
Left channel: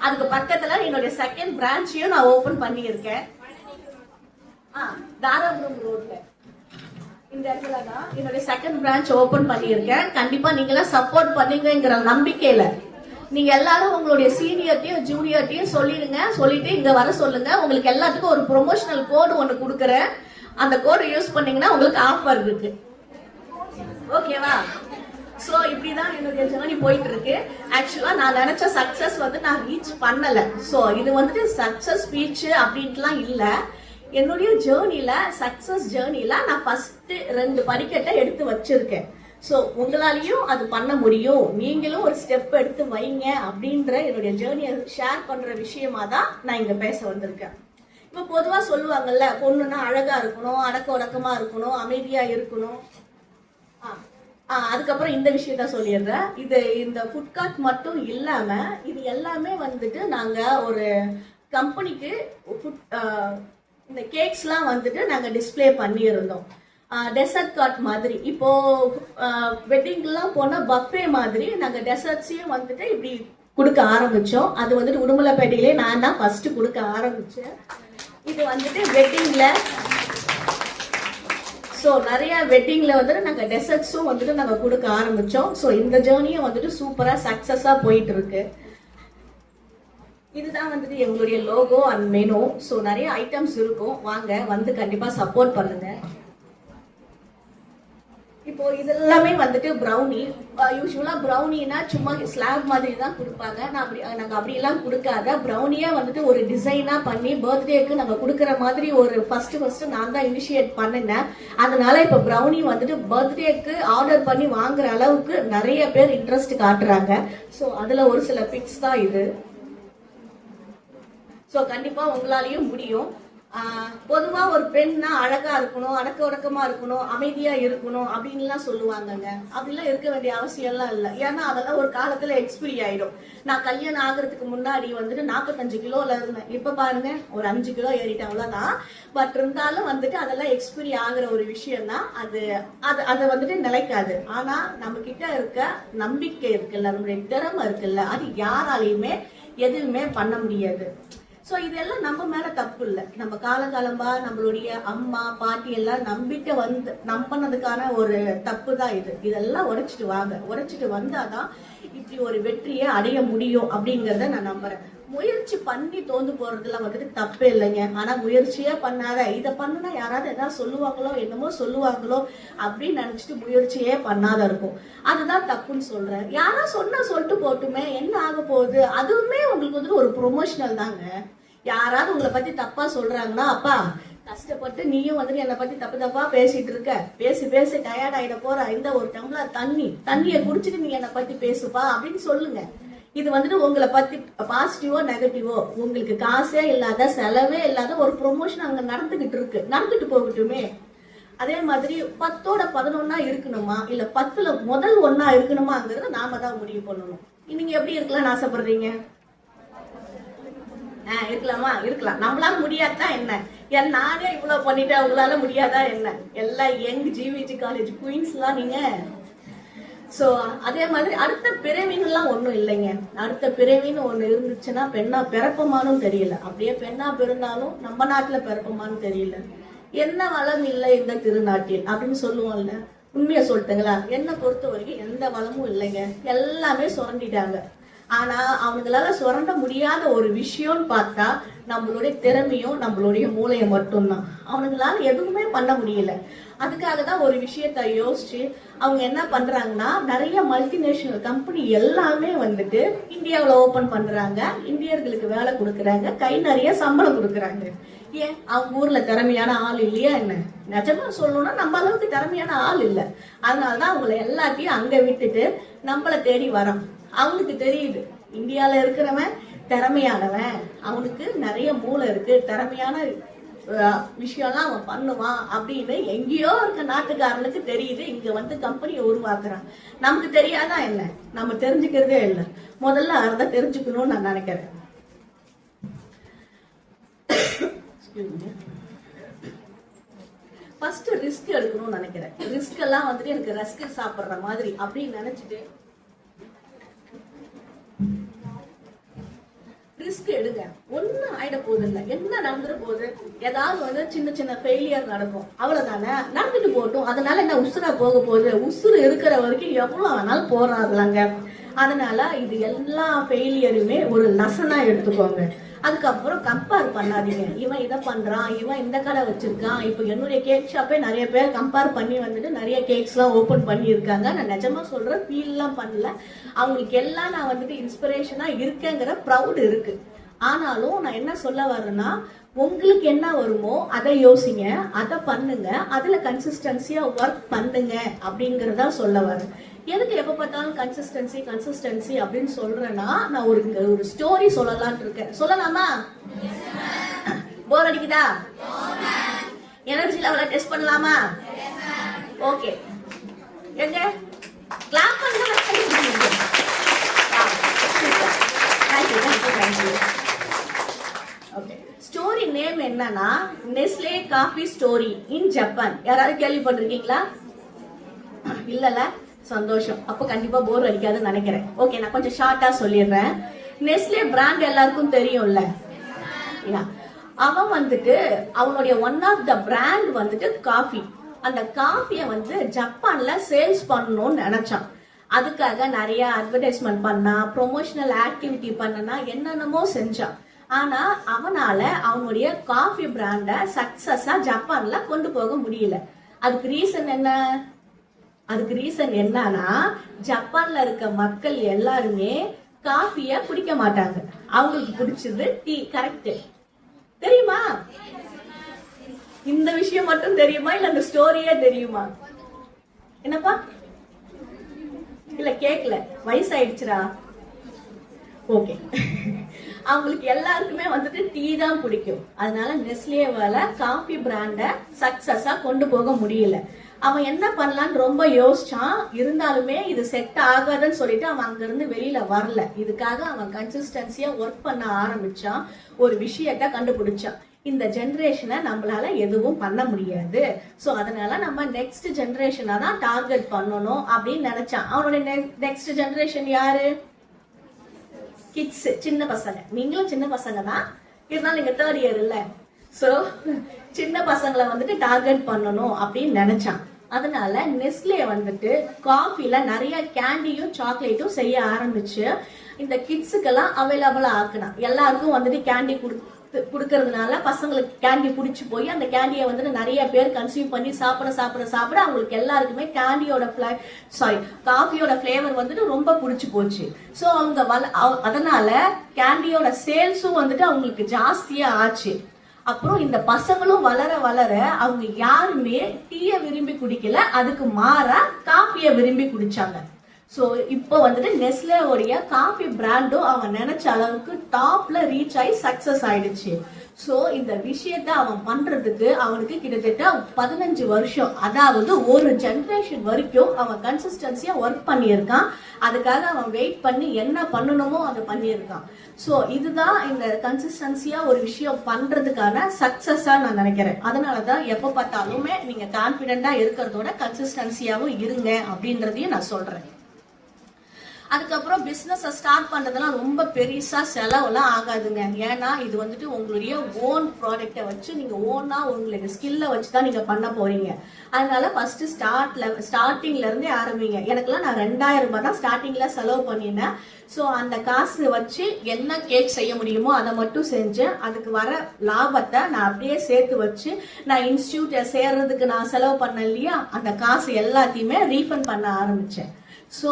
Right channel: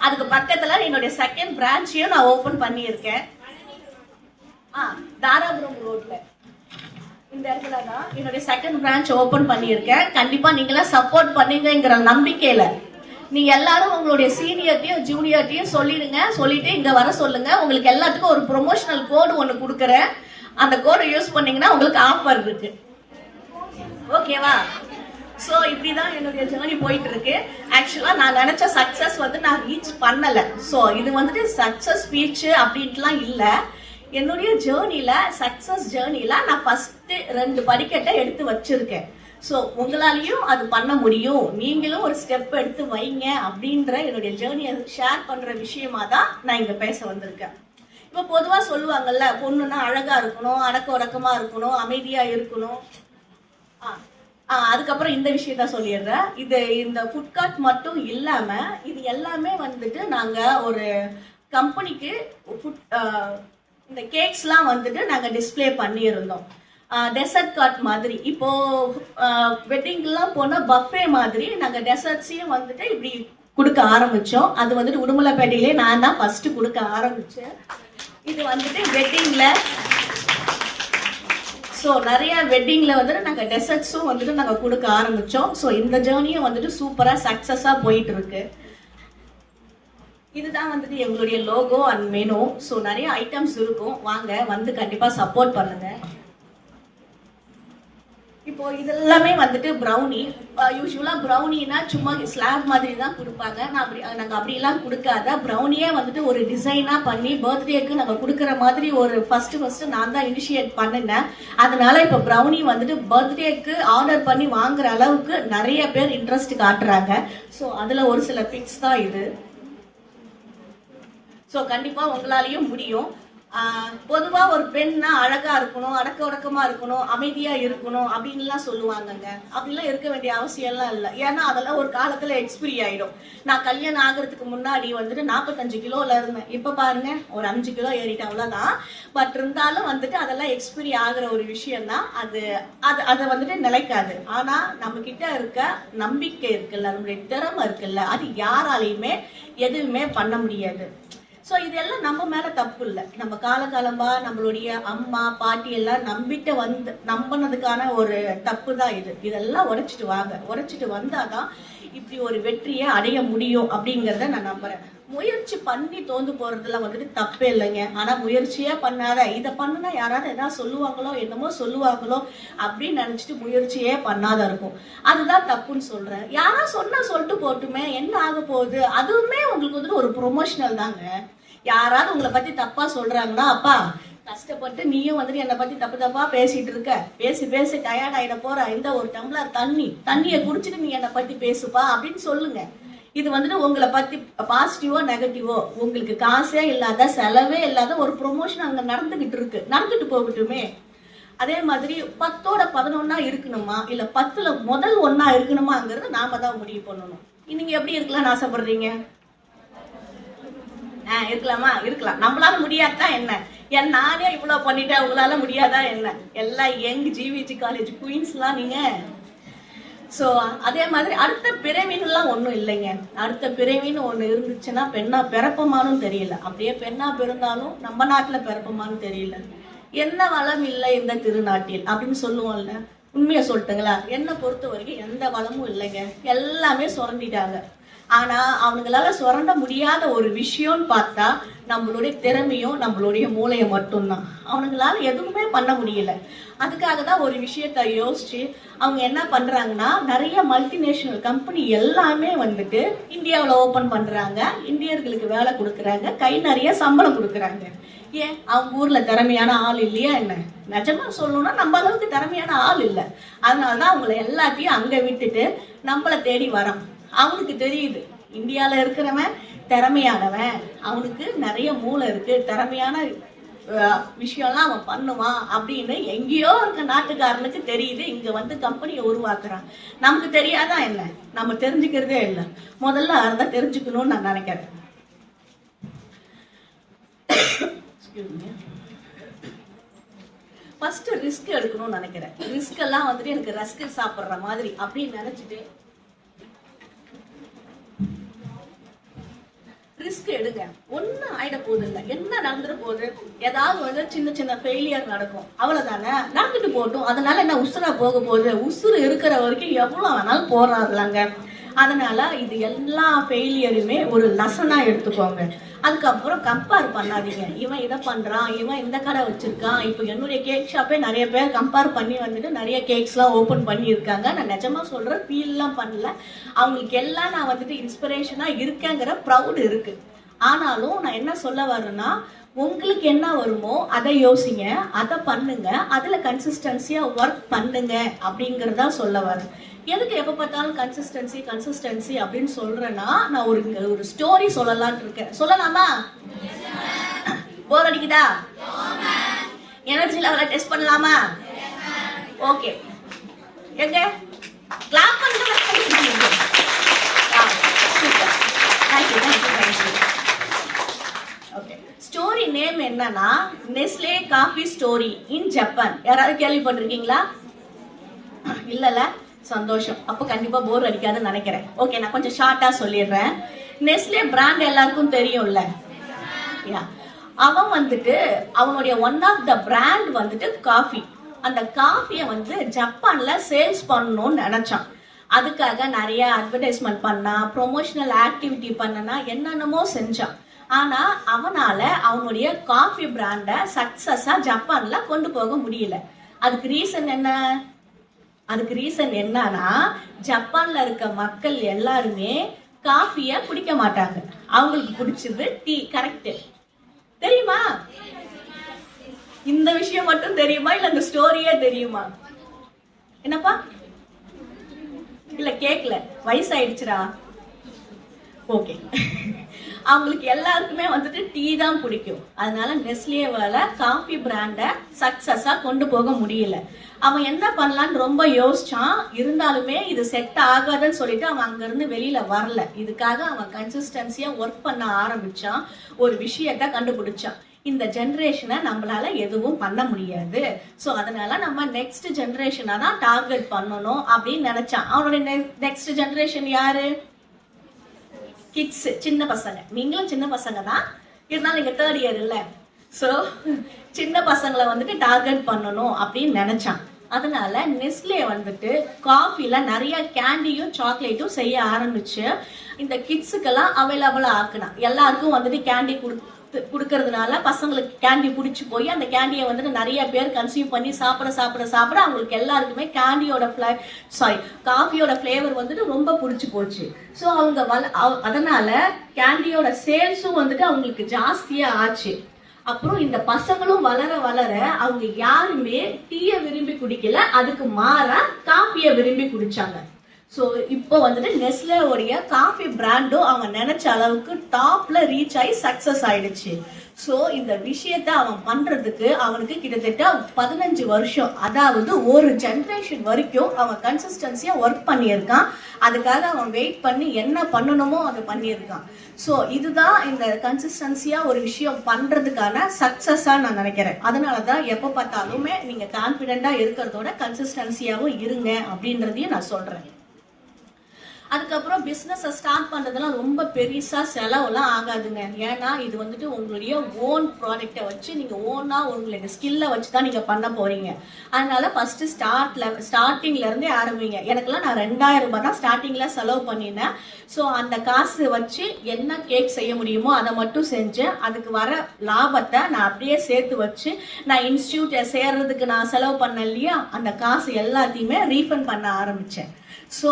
அதுக்கு பக்கத்துல என்னுடைய செகண்ட் பிரான்ச்சையும் நான் ஓபன் பண்ணியிருக்கேன். தாராபுரம் ரோட்ல இந்த இடத்துல தான் என்னுடைய செகண்ட் பிரான்ச் ஓபன் பண்ணியிருக்கேன். கண்டிப்பா நீங்களாம் சப்போர்ட் பண்ணீங்கிற நம்பிக்கையில நீங்க எல்லாரும் உங்களுடைய சீனியர்ட்டையும் ஜூனியர்ட்டையும் சொல்லிடுங்க. சொல்லிட்டு இங்க வர சொல்லுங்க. உங்களுக்கு எல்லாத்துக்கும் ஒரு ப்ரொமோஷனல் கோடு ஒன்னு கொடுக்குறேன். அந்த கோடு யூஸ் பண்ணீங்கன்னா உங்களுக்கு ஆஃபர் இருக்கு. ஓகேவா? சோ இப்படிதான் என்னுடைய ஜேர்னி போயிட்டு இருக்கு. ஆக்சுவலா நான் நினைச்ச சக்சஸ் வந்து நான் ரீச் பண்ணல. சோ இது வந்துட்டு சக்சஸ் ஸ்பீச் அப்படின்ட்டுலாம் இல்ல. என்னுடைய ஜேர்னில சக்சஸ் ஜேர்னில நான் ஃபர்ஸ்ட் 2 படிக்கட்டை எடுத்து வச்சிருக்கேன். சோ உங்களாலையும் அது பண்ண முடியும், நீங்களும் ஒரு ஸ்டெப் எடுத்து வைங்க அப்படின்ற என்னுடைய ஜேர்னியை ஷேர் பண்ற விஷயமா தான் நான் இங்க பேச வந்திருக்கேன். இப்ப பொதுவா சொல்லுவாங்கல்ல, பொண்ணுன்னா அழகா இருக்கணும், அடக்க உடக்கமா இருக்கணும், அமைதியா இருக்கணும். அதுக்கப்புறம் இந்த விஷயத்த சொல்லிடுறேன். இந்த ஃபுட் கார்ட் மட்டும் இல்லாம இது எல்லாமே வந்துட்டு நாங்க ஒரு கம்பெனிக்கு இந்த கேக்ஸ்லாம் வந்துட்டு நாங்க டிஸ்பிளே பண்ணியிருந்தோம். டெசர்ட் கார்ட் மாதிரி. இப்போ வெட்டிங்லாம் போனா பஃபே மாதிரி நாங்க டெசர்ட்ஸையும் வந்துட்டு இப்படி கொடுக்க ஆரம்பிச்சோம். அது வந்துட்டு உடுமலைப்பேட்டையிலே நான் தான் ஃபர்ஸ்ட் கொடுக்க ஆரம்பிச்சேன். இது வந்துட்டு வெட்டிங்ல, ஸோ நிறைய வெட்டிங்ல வந்துட்டு நாங்க டெசர்ட்ஸும் வந்துட்டு நாங்க கொடுக்க ஆரம்பிச்சோம். ஸோ இந்த ஜேர்னியும் வந்துட்டு சூப்பரா சக்சஸா போயிட்டு இருக்கு. இதுதான் வந்துட்டு எங்களுடைய லோகோ அண்ட் மெனு. ஸோ நிறைய ஐட்டம்ஸ் இருக்கும். வாங்க வந்து கண்டிப்பா சப்போர்ட் பண்ணுங்க. இப்போ இது எல்லாமே வந்துட்டு ப்ரௌனி. யூஸ்வலா ப்ரௌனினா சும்மா ஸ்லாப் மாதிரி தான் கொடுப்பாங்க. நாங்க அப்படியெல்லாம் கொடுக்காத ப்ரௌனியே வந்துட்டு ஒரு டிசைனா பண்ணி பர்த்டேக்கு நாங்க கொடுக்குற மாதிரி ஒரு ஃபர்ஸ்ட் நான் தான் இனிஷியேட் பண்ணினேன். அதனால இப்போ ப்ரௌனி வந்துட்டு பர்த்டேக்கு ஆர்டர் பண்ணி வாங்குற அளவுக்கு நிறைய பேர் இன்ட்ரெஸ்ட் காட்டுறாங்க. ஸோ அதுல ஒரு சில பிக்ஸ் தான் இது. ஸோ கண்டிப்பா உங்களாலையும் முடியும். பொதுவா ஒரு பெண்ணா அழகா இருக்கணும், அடக்க உடக்கமா இருக்கணும், அமைதியா இருக்கணும் அப்படின்லாம் சொல்லுவாங்கங்க. அப்படிலாம் இருக்க வேண்டிய அவசியம் எல்லாம் இல்லை. ஏன்னா அதெல்லாம் ஒரு காலத்துல எக்ஸ்பிரி ஆயிடும். நான் கல்யாணம் ஆகுறதுக்கு முன்னாடி வந்துட்டு 45 கிலோல இருந்தேன். இப்ப பாருங்க ஒரு 5 கிலோ ஏறிட்டேன், அவ்வளவுதான். பட் இருந்தாலும் வந்துட்டு அதெல்லாம் எக்ஸ்பிரி ஆகுற ஒரு விஷயம் தான். அது வந்துட்டு நிலைக்காது. ஆனா நம்ம கிட்ட இருக்க நம்பிக்கை இருக்குல்ல, நம்மளுடைய திறமை இருக்குல்ல, அது யாராலையுமே எதுவுமே பண்ண முடியாது. ஸோ இதெல்லாம் நம்ம மேல தப்பு இல்லை. நம்ம காலகாலமா நம்மளுடைய அம்மா பாட்டி எல்லாம் நம்பினதுக்கான ஒரு தப்பு தான் இது. இதெல்லாம் உடைச்சிட்டு வந்தாதான் இப்படி ஒரு வெற்றியை அடைய முடியும் அப்படிங்கறத நான் நம்புறேன். முயற்சி பண்ணி தோந்து போறதுல வந்துட்டு தப்பே இல்லைங்க. ஆனா முயற்சியே பண்ணாத, இதை பண்ணுனா யாராவது ஏதாவது சொல்லுவாங்களோ என்னமோ சொல்லுவாங்களோ அப்படின்னு நினைச்சிட்டு முயற்சியே பண்ணாத இருக்கும். அதுதான் தப்புன்னு சொல்றேன். யாரா சொன்னா சொல்லிட்டு போட்டுமே, என்ன ஆக போகுது? அதுவுமே உங்களுக்கு வந்துட்டு ஒரு ப்ரொமோஷனல் தாங்க. யாராவது உங்களை பத்தி தப்பா சொல்றாங்கன்னா, அப்பா கஷ்டப்பட்டு நீயும் வந்துட்டு என்னை பத்தி தப்பா பேசிட்டு இருக்க, பேசி டயர்ட் ஆயிட போற, இந்த ஒரு டம்ளர் தண்ணியை குடிச்சிட்டு நீ என்னை பத்தி பேசுப்பா அப்படின்னு சொல்லுங்க. இது வந்துட்டு உங்களை பத்தி பாசிட்டிவோ நெகட்டிவோ, உங்களுக்கு காசே இல்லாத செலவே இல்லாத ஒரு ப்ரொமோஷன் அங்க நடந்துட்டு போகட்டுமே. அதே மாதிரி 10ஓட 11 இருக்கணுமா, இல்ல 10ல முதல் 1 இருக்கணுமாங்கிறத நாம தான் முடிவு பண்ணணும். நீங்க எப்படி இருக்கலாம்னு ஆசைப்படுறீங்க? இருக்கலாமா? இருக்கலாம். நம்மளால முடியாதா என்ன? நானே இவ்வளவு பண்ணிட்டேன், உங்களால முடியாதா என்ன? எல்லாம் யங் ஜிவிஜி காலேஜ் குயின்ஸ் எல்லாம் நீங்க. சோ அதே மாதிரி அடுத்த பிறவின்னுலாம் ஒண்ணும் இல்லைங்க. அடுத்த பிறவின்னு ஒண்ணு இருந்துச்சுன்னா பெண்ணா பிறப்பமானும் தெரியல. அப்படியே பெண்ணா பிறந்தாலும் நம்ம நாட்டுல பிறப்பமானு தெரியல. என்ன வளம் இல்லை இந்த திருநாட்டில் அப்படின்னு சொல்லுவோம்ல, உண்மையை சொல்லிட்டுங்களா? என்ன பொறுத்த வரைக்கும் எந்த வளமும் இல்லைங்க. எல்லாமே சுரண்டிட்டாங்க. ஆனா அவங்களால சுரண்ட முடியாத ஒரு விஷயம்னு பார்த்தா நம்மளுடைய திறமையும் நம்மளுடைய மூளையை மட்டும்தான். அவங்களால எதுவுமே பண்ண முடியல. அதுக்காக தான் ஒரு விஷயத்த யோசிச்சு அவங்க என்ன பண்றாங்கன்னா, நிறைய மல்டிநேஷனல் கம்பெனி எல்லாமே வந்துட்டு இந்தியாவில் ஓபன் பண்றாங்க. இந்தியர்களுக்கு வேலை கொடுக்குறாங்க, கை நிறைய சம்பளம் கொடுக்குறாங்க. ஏன்? அவங்க ஊர்ல திறமையான ஆள் இல்லையா என்ன? நிஜமா சொல்லணும்னா நம்ம அளவுக்கு திறமையான ஆள் இல்லை. அதனாலதான் அவங்களை எல்லாத்தையும் அங்க விட்டுட்டு நம்மளை தேடி வரோம். அவனுக்கு தெரியுது இந்தியால இருக்கிறவன் திறமையானவன், அவனுக்கு நிறைய மூளை இருக்கு, திறமையான விஷயம்லாம் அவன் பண்ணுவான் அப்படின்னு எங்கேயோ இருக்க நாட்டுக்காரனுக்கு தெரியுது. இங்க வந்து கம்பெனியை உருவாக்குறான். நமக்கு தெரியாதா என்ன? நம்ம தெரிஞ்சுக்கிறதே இல்லை. முதல்ல அதான் தெரிஞ்சுக்கணும்னு நான் நினைக்கிறேன். ஃபர்ஸ்ட் ரிஸ்க் எடுக்கணும்னு நினைக்கிறேன். ரிஸ்க் எல்லாம் வந்துட்டு எனக்கு ரஸ்க் சாப்பிடுற மாதிரி அப்படின்னு நினைச்சிட்டு ரிஸ்க் எடுங்க. ஒன்னும் ஆயிட போகுது இல்லை. என்ன நடந்துட்டு போகுது? ஏதாவது வந்து சின்ன சின்ன ஃபெயிலியர் நடக்கும், அவ்வளவுதானே. நடந்துட்டு போட்டும். அதனால என்ன உசுரா போக போகுது? உசுறு இருக்கிற வரைக்கும் எவ்வளவு ஆனாலும் போராடலாங்க. அதனால இது எல்லா ஃபெயிலியருமே ஒரு லெசனா எடுத்துக்கோங்க. அதுக்கப்புறம் கம்பேர் பண்ணாதீங்க. இவன் இதை பண்றான், இவன் இந்த கடை வச்சிருக்கான். இப்போ என்னுடைய கேக் ஷாப்பே நிறைய பேர் கம்பேர் பண்ணி வந்துட்டு நிறைய கேக்ஸ் எல்லாம் ஓபன் பண்ணி இருக்காங்க. நான் நிஜமா சொல்றேன், ஃபீல் எல்லாம் பண்ணல. அவங்களுக்கு எல்லாம் நான் வந்துட்டு இன்ஸ்பிரேஷனா இருக்கேங்கிற ப்ரௌட் இருக்கு. ஆனாலும் நான் என்ன சொல்ல வர்றேன்னா, உங்களுக்கு என்ன வருமோ அதை யோசிங்க, அதை பண்ணுங்க, அதுல கன்சிஸ்டன்சியா ஒர்க் பண்ணுங்க அப்படிங்கறதா சொல்ல வரேன். எதுக்கு எப்ப பார்த்தாலும் கன்சிஸ்டன்சி அப்படின்னு சொல்றேன்னா, நான் ஒரு ஸ்டோரி சொல்லலாம்னு இருக்கேன். சொல்லலாமா? போர் அடிக்குதா? எனர்ஜி லெவலை டெஸ்ட் பண்ணலாமா? ஓகே, எங்க கிளாப் பண்ணுங்க. ஸ்டோரி நேம் என்னன்னா, Nestle coffee story in Japan. யாராவது கேள்விப்பட்டிருக்கீங்களா? இல்லல, சந்தோஷம். அப்ப கண்டிப்பா போர் அடிக்காதுன்னு நினைக்கிறேன். ஓகே, நான் கொஞ்சம் ஷார்ட்டா சொல்லிடுறேன். நெஸ்லே பிராண்ட் எல்லாருக்கும் தெரியும்ல. அவன் வந்துட்டு அவனுடைய ஒன் ஆஃப் த பிராண்ட் வந்துட்டு காஃபி. அந்த காஃபியை வந்து ஜப்பான்ல சேல்ஸ் பண்ணணும்னு நினைச்சான். அதுக்காக நிறைய அட்வர்டைஸ்மெண்ட் பண்ணா, ப்ரொமோஷனல் ஆக்டிவிட்டி பண்ணனா, என்னென்னமோ செஞ்சான். ஆனா அவனால அவனுடைய காஃபி பிராண்ட சக்சஸா ஜப்பான்ல கொண்டு போக முடியல. அதுக்கு ரீசன் என்ன? அதுக்கு ரீசன் என்னன்னா, ஜப்பான்ல இருக்க மக்கள் எல்லாருமே காஃபிய குடிக்க மாட்டாங்க. அவங்களுக்கு பிடிச்சது டீ. கரெக்ட். தெரியுமா? இந்த விஷயம் மட்டும் தெரியுமா, இல்ல அந்த ஸ்டோரியே தெரியுமா? என்னப்பா? இல்ல கேக்கல, வயசாயிடுச்சுரா. ஓகே, அவங்களுக்கு எல்லாருக்குமே வந்துட்டு டீ தான் பிடிக்கும். அதனால நெஸ்லேவால காஃபி பிராண்ட சக்சஸா கொண்டு போக முடியல. அவன் என்ன பண்ணலான்னு ரொம்ப யோசிச்சான். இருந்தாலுமே இது செட் ஆகாதுன்னு சொல்லிட்டு அவன் அங்க இருந்து வெளியில வரல. இதுக்காக அவன் கன்சிஸ்டன்சியா ஒர்க் பண்ண ஆரம்பிச்சான். ஒரு விஷயத்த கண்டுபிடிச்சான். இந்த ஜெனரேஷனை நம்மளால எதுவும் பண்ண முடியாது, சோ அதனால நம்ம நெக்ஸ்ட் ஜெனரேஷனை தான் டார்கெட் பண்ணணும் அப்படின்னு நினைச்சான். அவனுடைய நெக்ஸ்ட் ஜெனரேஷன் யாரு? கிட்ஸ், சின்ன பசங்க. நீங்களும் சின்ன பசங்க தான். இருந்தாலும் நீங்க தேர்ட் இயர் இல்ல, சோ சின்ன பசங்களை வந்துட்டு டார்கெட் பண்ணணும் அப்படின்னு நினைச்சான். அதனால நெஸ்லே வந்துட்டு காஃபில நிறைய கேண்டியும் சாக்லேட்டும் செய்ய ஆரம்பிச்சு இந்த கிட்ஸுக்கெல்லாம் அவைலபிளா ஆக்குனா. எல்லாருக்கும் வந்துட்டு கேண்டி கொடுக்கறதுனால பசங்களுக்கு கேண்டி பிடிச்சி போய் அந்த கேண்டியை வந்துட்டு நிறைய பேர் கன்சியூம் பண்ணி சாப்பிட அவங்களுக்கு எல்லாருக்குமே கேண்டியோட காஃபியோட ஃபிளேவர் வந்துட்டு ரொம்ப பிடிச்சி போச்சு. ஸோ அவங்க அதனால கேண்டியோட சேல்ஸும் வந்துட்டு அவங்களுக்கு ஜாஸ்தியா ஆச்சு. அப்புறம் இந்த பசங்களும் வளர வளர அவங்க யாருமே டீய விரும்பி குடிக்கல, அதுக்கு மாறா காஃபிய விரும்பி குடிச்சாங்க. ஸோ இப்போ வந்துட்டு நெஸ்லேவுடைய காஃபி பிராண்டும் அவங்க நினைச்ச அளவுக்கு டாப்ல ரீச் ஆகி சக்சஸ் ஆயிடுச்சு. ஸோ இந்த விஷயத்த அவன் பண்றதுக்கு அவனுக்கு கிட்டத்தட்ட 15 வருஷம், அதாவது ஒரு ஜென்ரேஷன் வரைக்கும் அவன் கன்சிஸ்டன்சியா ஒர்க் பண்ணியிருக்கான். அதுக்காக அவன் வெயிட் பண்ணி என்ன பண்ணணுமோ அதை பண்ணியிருக்கான். ஸோ இதுதான் இந்த கன்சிஸ்டன்சியா ஒரு விஷயம் பண்றதுக்கான சக்சஸா நான் நினைக்கிறேன். அதனாலதான் எப்ப பார்த்தாலுமே நீங்க கான்பிடென்டா இருக்கிறதோட கன்சிஸ்டன்சியாவும் இருங்க அப்படின்றதையும் நான் சொல்றேன். அதுக்கப்புறம் பிசினஸ் ஸ்டார்ட் பண்றதெல்லாம் ரொம்ப பெருசா செலவுலாம் ஆகாதுங்க. ஏன்னா இது வந்துட்டு உங்களுடைய ஓன் ப்ராடக்டை வச்சு நீங்க ஓனா உங்களுடைய ஸ்கில்ல வச்சுதான் நீங்க பண்ண போறீங்க. அதனால ஃபர்ஸ்ட் ஸ்டார்டிங்ல இருந்தே ஆரம்பிங்க. எனக்குலாம் நான் 2000 ரூபாய் தான் ஸ்டார்டிங்ல செலவு பண்ணினேன். ஸோ அந்த காசு வச்சு என்ன கேக் செய்ய முடியுமோ அதை மட்டும் செஞ்சேன். அதுக்கு வர லாபத்தை நான் அப்படியே சேர்த்து வச்சு நான் இன்ஸ்டியூட் சேர்றதுக்கு நான் செலவு பண்ண இல்லையா, அந்த காசு எல்லாத்தையுமே ரீஃபண்ட் பண்ண ஆரம்பிச்சேன். ஸோ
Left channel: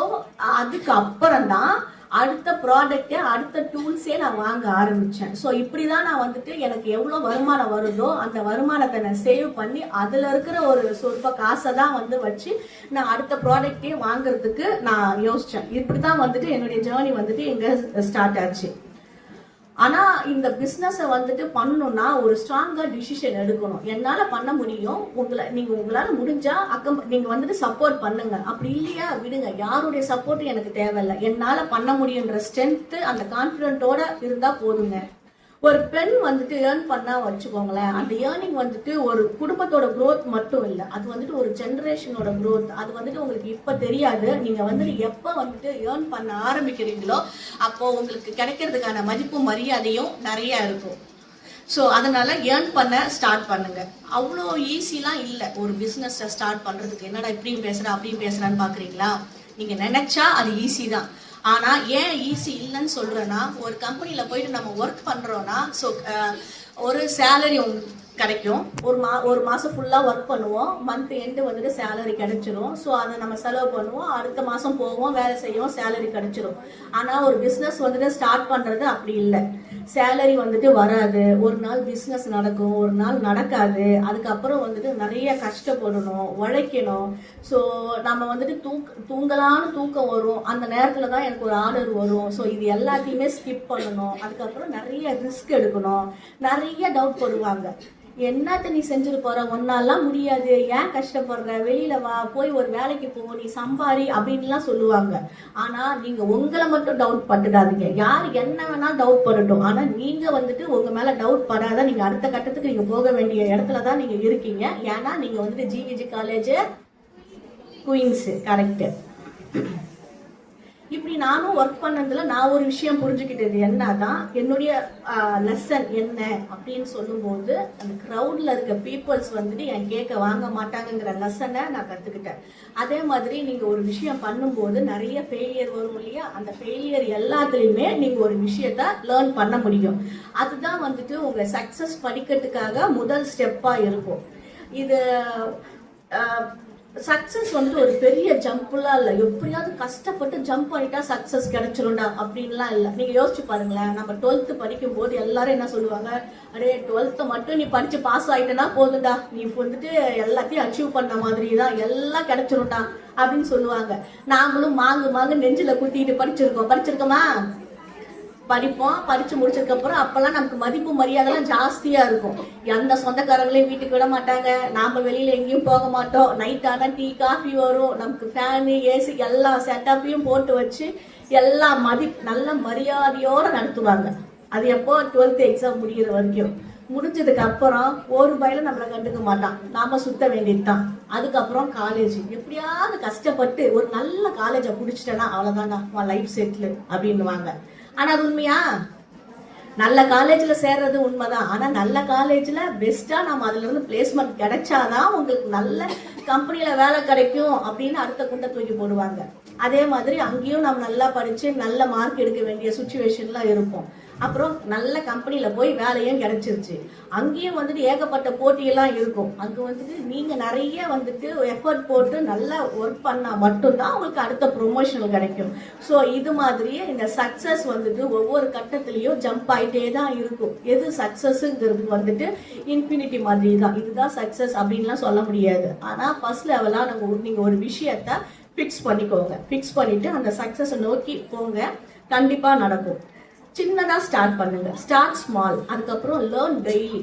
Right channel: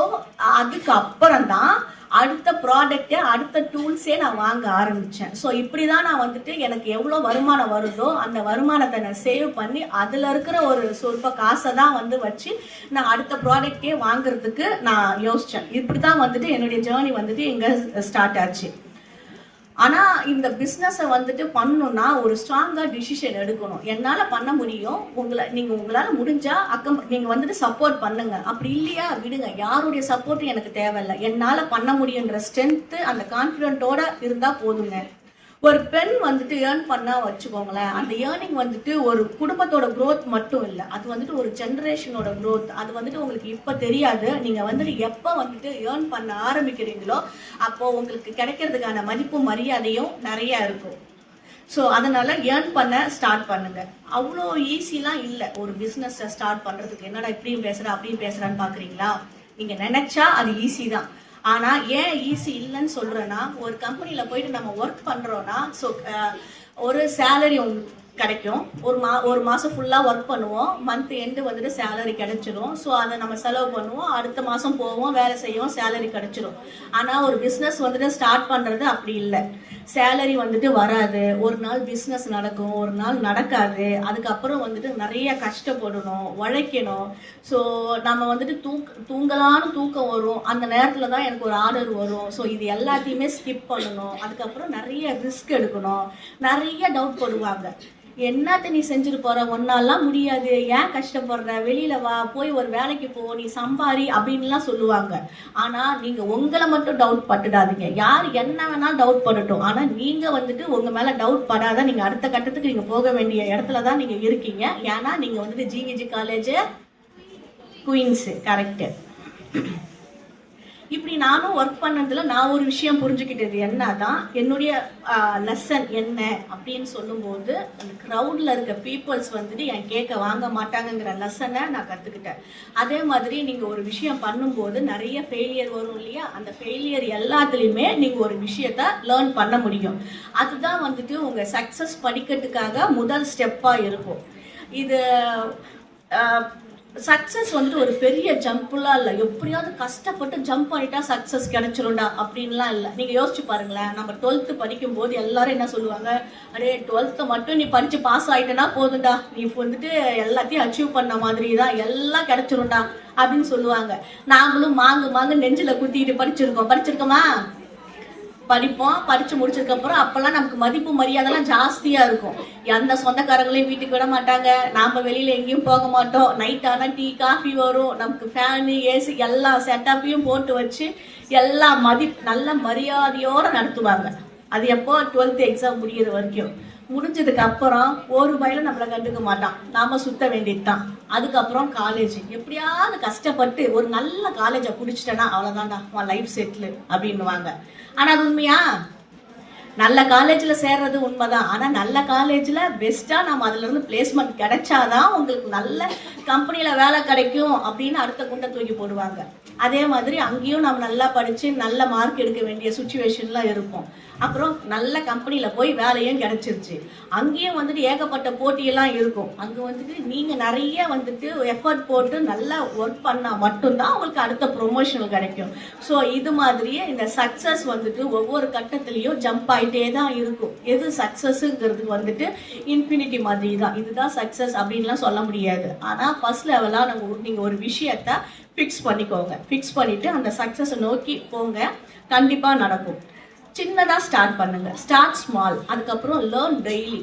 அதுக்கு அப்புறம் தான் அடுத்த ப்ராடக்ட் அடுத்த டூல்ஸே நான் வாங்க ஆரம்பிச்சேன். ஸோ இப்படிதான் நான் வந்துட்டு எனக்கு எவ்வளவு வருமானம் வருதோ அந்த வருமானத்தை நான் சேவ் பண்ணி அதுல இருக்கிற ஒரு சொல்ப காசை தான் வந்து வச்சு நான் அடுத்த ப்ராடக்டே வாங்குறதுக்கு நான் யோசிச்சேன். இப்படிதான் வந்துட்டு என்னுடைய ஜேர்னி வந்துட்டு எங்க ஸ்டார்ட் ஆச்சு. ஆனா இந்த பிசினஸ் வந்துட்டு பண்ணணும்னா ஒரு ஸ்ட்ராங்கா டிசிஷன் எடுக்கணும். என்னால பண்ண முடியும், உங்களால முடிஞ்சா நீங்க வந்துட்டு சப்போர்ட் பண்ணுங்க, அப்படி இல்லையா விடுங்க. யாருடைய சப்போர்ட் எனக்கு தேவையில்லை, என்னால பண்ண முடியுன்ற ஸ்ட்ரென்த் அந்த கான்பிடென்ட்டோட இருந்தா போதுங்க. ஒரு பெண் வந்துட்டு ஏர்ன் பண்ணா வச்சுக்கோங்களேன், அந்த ஏர்னிங் வந்துட்டு ஒரு குடும்பத்தோட growth மட்டும் இல்ல, அது வந்துட்டு ஒரு ஜெனரேஷனோட growth. அது வந்துட்டு உங்களுக்கு இப்ப தெரியாது, நீங்க வந்துட்டு எப்ப வந்துட்டு ஏர்ன் பண்ண ஆரம்பிக்கிறீங்களோ அப்போ உங்களுக்கு கிடைக்கிறதுக்கான மதிப்பும் மரியாதையும் நிறைய இருக்கும். ஸோ அதனால ஏர்ன் பண்ண ஸ்டார்ட் பண்ணுங்க. அவ்வளோ ஈஸிலாம் இல்லை ஒரு பிஸ்னஸ் ஸ்டார்ட் பண்றதுக்கு. என்னடா இப்படியும் பேசுற அப்படியும் பேசுறான்னு பாக்குறீங்களா? நீங்க நினைச்சா அது ஈஸி தான். ஆனா ஏன் ஈஸி இல்லைன்னு சொல்றேன்னா, ஒரு கம்பெனில போயிட்டு நம்ம ஒர்க் பண்றோம்னா ஒரு சேலரி கிடைக்கும். ஒரு மாசம் ஃபுல்லா ஒர்க் பண்ணுவோம், மந்த் எண்டு வந்துட்டு சேலரி கிடைச்சிடும். ஸோ அதை நம்ம செலவு பண்ணுவோம், அடுத்த மாசம் போவோம், வேலை செய்வோம், சேலரி கிடைச்சிடும். ஆனா ஒரு பிசினஸ் வந்துட்டு ஸ்டார்ட் பண்றது அப்படி இல்லை. சேலரி வந்துட்டு வராது, ஒரு நாள் பிசினஸ் நடக்கும், ஒரு நாள் நடக்காது. அதுக்கப்புறம் வந்துட்டு நிறைய கஷ்டப்படணும், உழைக்கணும். ஸோ நம்ம வந்துட்டு தூங்கலான்னு தூக்கம் வரும், அந்த நேரத்துல தான் எனக்கு ஒரு ஆர்டர் வரும். ஸோ இது எல்லாத்தையுமே ஸ்கிப் பண்ணணும். அதுக்கப்புறம் நிறைய ரிஸ்க் எடுக்கணும், நிறைய டவுட் படுவாங்க. என்னத்த நீ செஞ்சுட்டு போற, ஒன்னாலாம் முடியாது, ஏன் கஷ்டப்படுற, வெளியில வா, போய் ஒரு வேலைக்கு போ, நீ சம்பாரி அப்படின்லாம் சொல்லுவாங்க. ஆனா நீங்க உங்களை மட்டும் டவுட் பட்டுடாதீங்க. யார் என்ன வேணாலும் டவுட் படட்டும், ஆனா நீங்க வந்துட்டு உங்க மேல டவுட் படாத நீங்க அடுத்த கட்டத்துக்கு நீங்க போக வேண்டிய இடத்துலதான் நீங்க இருக்கீங்க. ஏன்னா நீங்க வந்துட்டு ஜிவிஜி காலேஜ் குயின்ஸ், கரெக்ட். இப்படி நானும் ஒர்க் பண்ணதுல நான் ஒரு விஷயம் புரிஞ்சுக்கிட்டது என்னதான், என்னுடைய லெசன் என்ன அப்படின்னு சொல்லும்போது அந்த க்ரௌட்ல இருக்க பீப்புள்ஸ் வந்துட்டு என் கேட்க வாங்க மாட்டாங்கிற லெசனை நான் கத்துக்கிட்டேன். அதே மாதிரி நீங்க ஒரு விஷயம் பண்ணும்போது நிறைய ஃபெயிலியர் வரும் இல்லையா, அந்த ஃபெயிலியர் எல்லாத்துலயுமே நீங்க ஒரு விஷயத்த லேர்ன் பண்ண முடியும். அதுதான் வந்துட்டு உங்க சக்சஸ் படிக்கிறதுக்காக முதல் ஸ்டெப்பா இருக்கும். இது சக்சஸ் வந்துட்டு ஒரு பெரிய ஜம்ப்லாம் இல்லை, எப்படியாவது கஷ்டப்பட்டு ஜம்ப் பண்ணிட்டா சக்சஸ் கிடைச்சிரும்டா அப்படின்லாம் இல்லை. நீங்க யோசிச்சு பாருங்களேன், நம்ம 12th படிக்கும் போது எல்லாரும் என்ன சொல்லுவாங்க, அடே 12th மட்டும் நீ படிச்சு பாஸ் ஆயிட்டனா போதும்டா, நீ வந்துட்டு எல்லாத்தையும் அச்சீவ் பண்ண மாதிரி தான், எல்லாம் கிடைச்சிரும்டா அப்படின்னு சொல்லுவாங்க. நாங்களும் மாங்கு நெஞ்சில குத்திட்டு படிச்சிருக்கோமா? படிப்போம். படிச்சு முடிச்சதுக்கு அப்புறம் அப்பெல்லாம் நமக்கு மதிப்பு மரியாதை எல்லாம் ஜாஸ்தியா இருக்கும். எந்த சொந்தக்காரங்களையும் வீட்டுக்கு விட மாட்டாங்க, நாம வெளியில எங்கேயும் போக மாட்டோம். நைட் ஆனா டீ காஃபி வரும், நமக்கு ஃபேனு ஏசி எல்லா செட்டப்பையும் போட்டு வச்சு எல்லா நல்ல மரியாதையோட நடத்துவாங்க. அது எப்போ 12th எக்ஸாம் முடியிற வரைக்கும். முடிஞ்சதுக்கு அப்புறம் ஒரு வயல நம்மளை கண்டுக்க மாட்டான், நாம சுத்த வேண்டியதுதான். அதுக்கப்புறம் காலேஜ், எப்படியாவது கஷ்டப்பட்டு ஒரு நல்ல காலேஜை குடிச்சிட்டேன்னா அவ்வளவுதான்டா, லைஃப் செட்டில் அப்படின்னுவாங்க. ஆனா அது உண்மையா? நல்ல காலேஜ்ல சேர்றது உண்மைதான். ஆனா நல்ல காலேஜ்ல பெஸ்டா நம்ம அதுல இருந்து பிளேஸ்மெண்ட் கிடைச்சாதான் உங்களுக்கு நல்ல கம்பெனில வேலை கிடைக்கும் அப்படின்னு அடுத்த குண்டை தூக்கி போடுவாங்க. அதே மாதிரி அங்கேயும் நம்ம நல்லா படிச்சு நல்ல மார்க் எடுக்க வேண்டிய சுச்சுவேஷன்லாம் இருப்போம். அப்புறம் நல்ல கம்பெனில போய் வேலையும் கிடைச்சிருச்சு. அங்கேயும் வந்துட்டு ஏகப்பட்ட போட்டியெல்லாம் இருக்கும். அங்க வந்துட்டு நீங்க நிறைய வந்துட்டு எஃபர்ட் போட்டு நல்லா ஒர்க் பண்ணா மட்டும்தான் உங்களுக்கு அடுத்த ப்ரொமோஷன் கிடைக்கும். ஸோ இது மாதிரியே இந்த சக்சஸ் வந்துட்டு ஒவ்வொரு கட்டத்திலையும் ஜம்ப் ஆயிட்டே தான் இருக்கும். எது சக்சஸ்ங்கிறது வந்துட்டு இன்ஃபினிட்டி மாதிரி தான். இதுதான் சக்சஸ் அப்படின்லாம் சொல்ல முடியாது. ஆனா ஃபர்ஸ்ட் லெவலா நீங்க ஒரு விஷயத்த ஃபிக்ஸ் பண்ணிக்கோங்க. ஃபிக்ஸ் பண்ணிட்டு அந்த சக்சஸை நோக்கி போங்க, கண்டிப்பா நடக்கும். சின்னதா ஸ்டார்ட் பண்ணுங்க, ஸ்டார்ட் ஸ்மால். அதுக்கப்புறம் லேர்ன்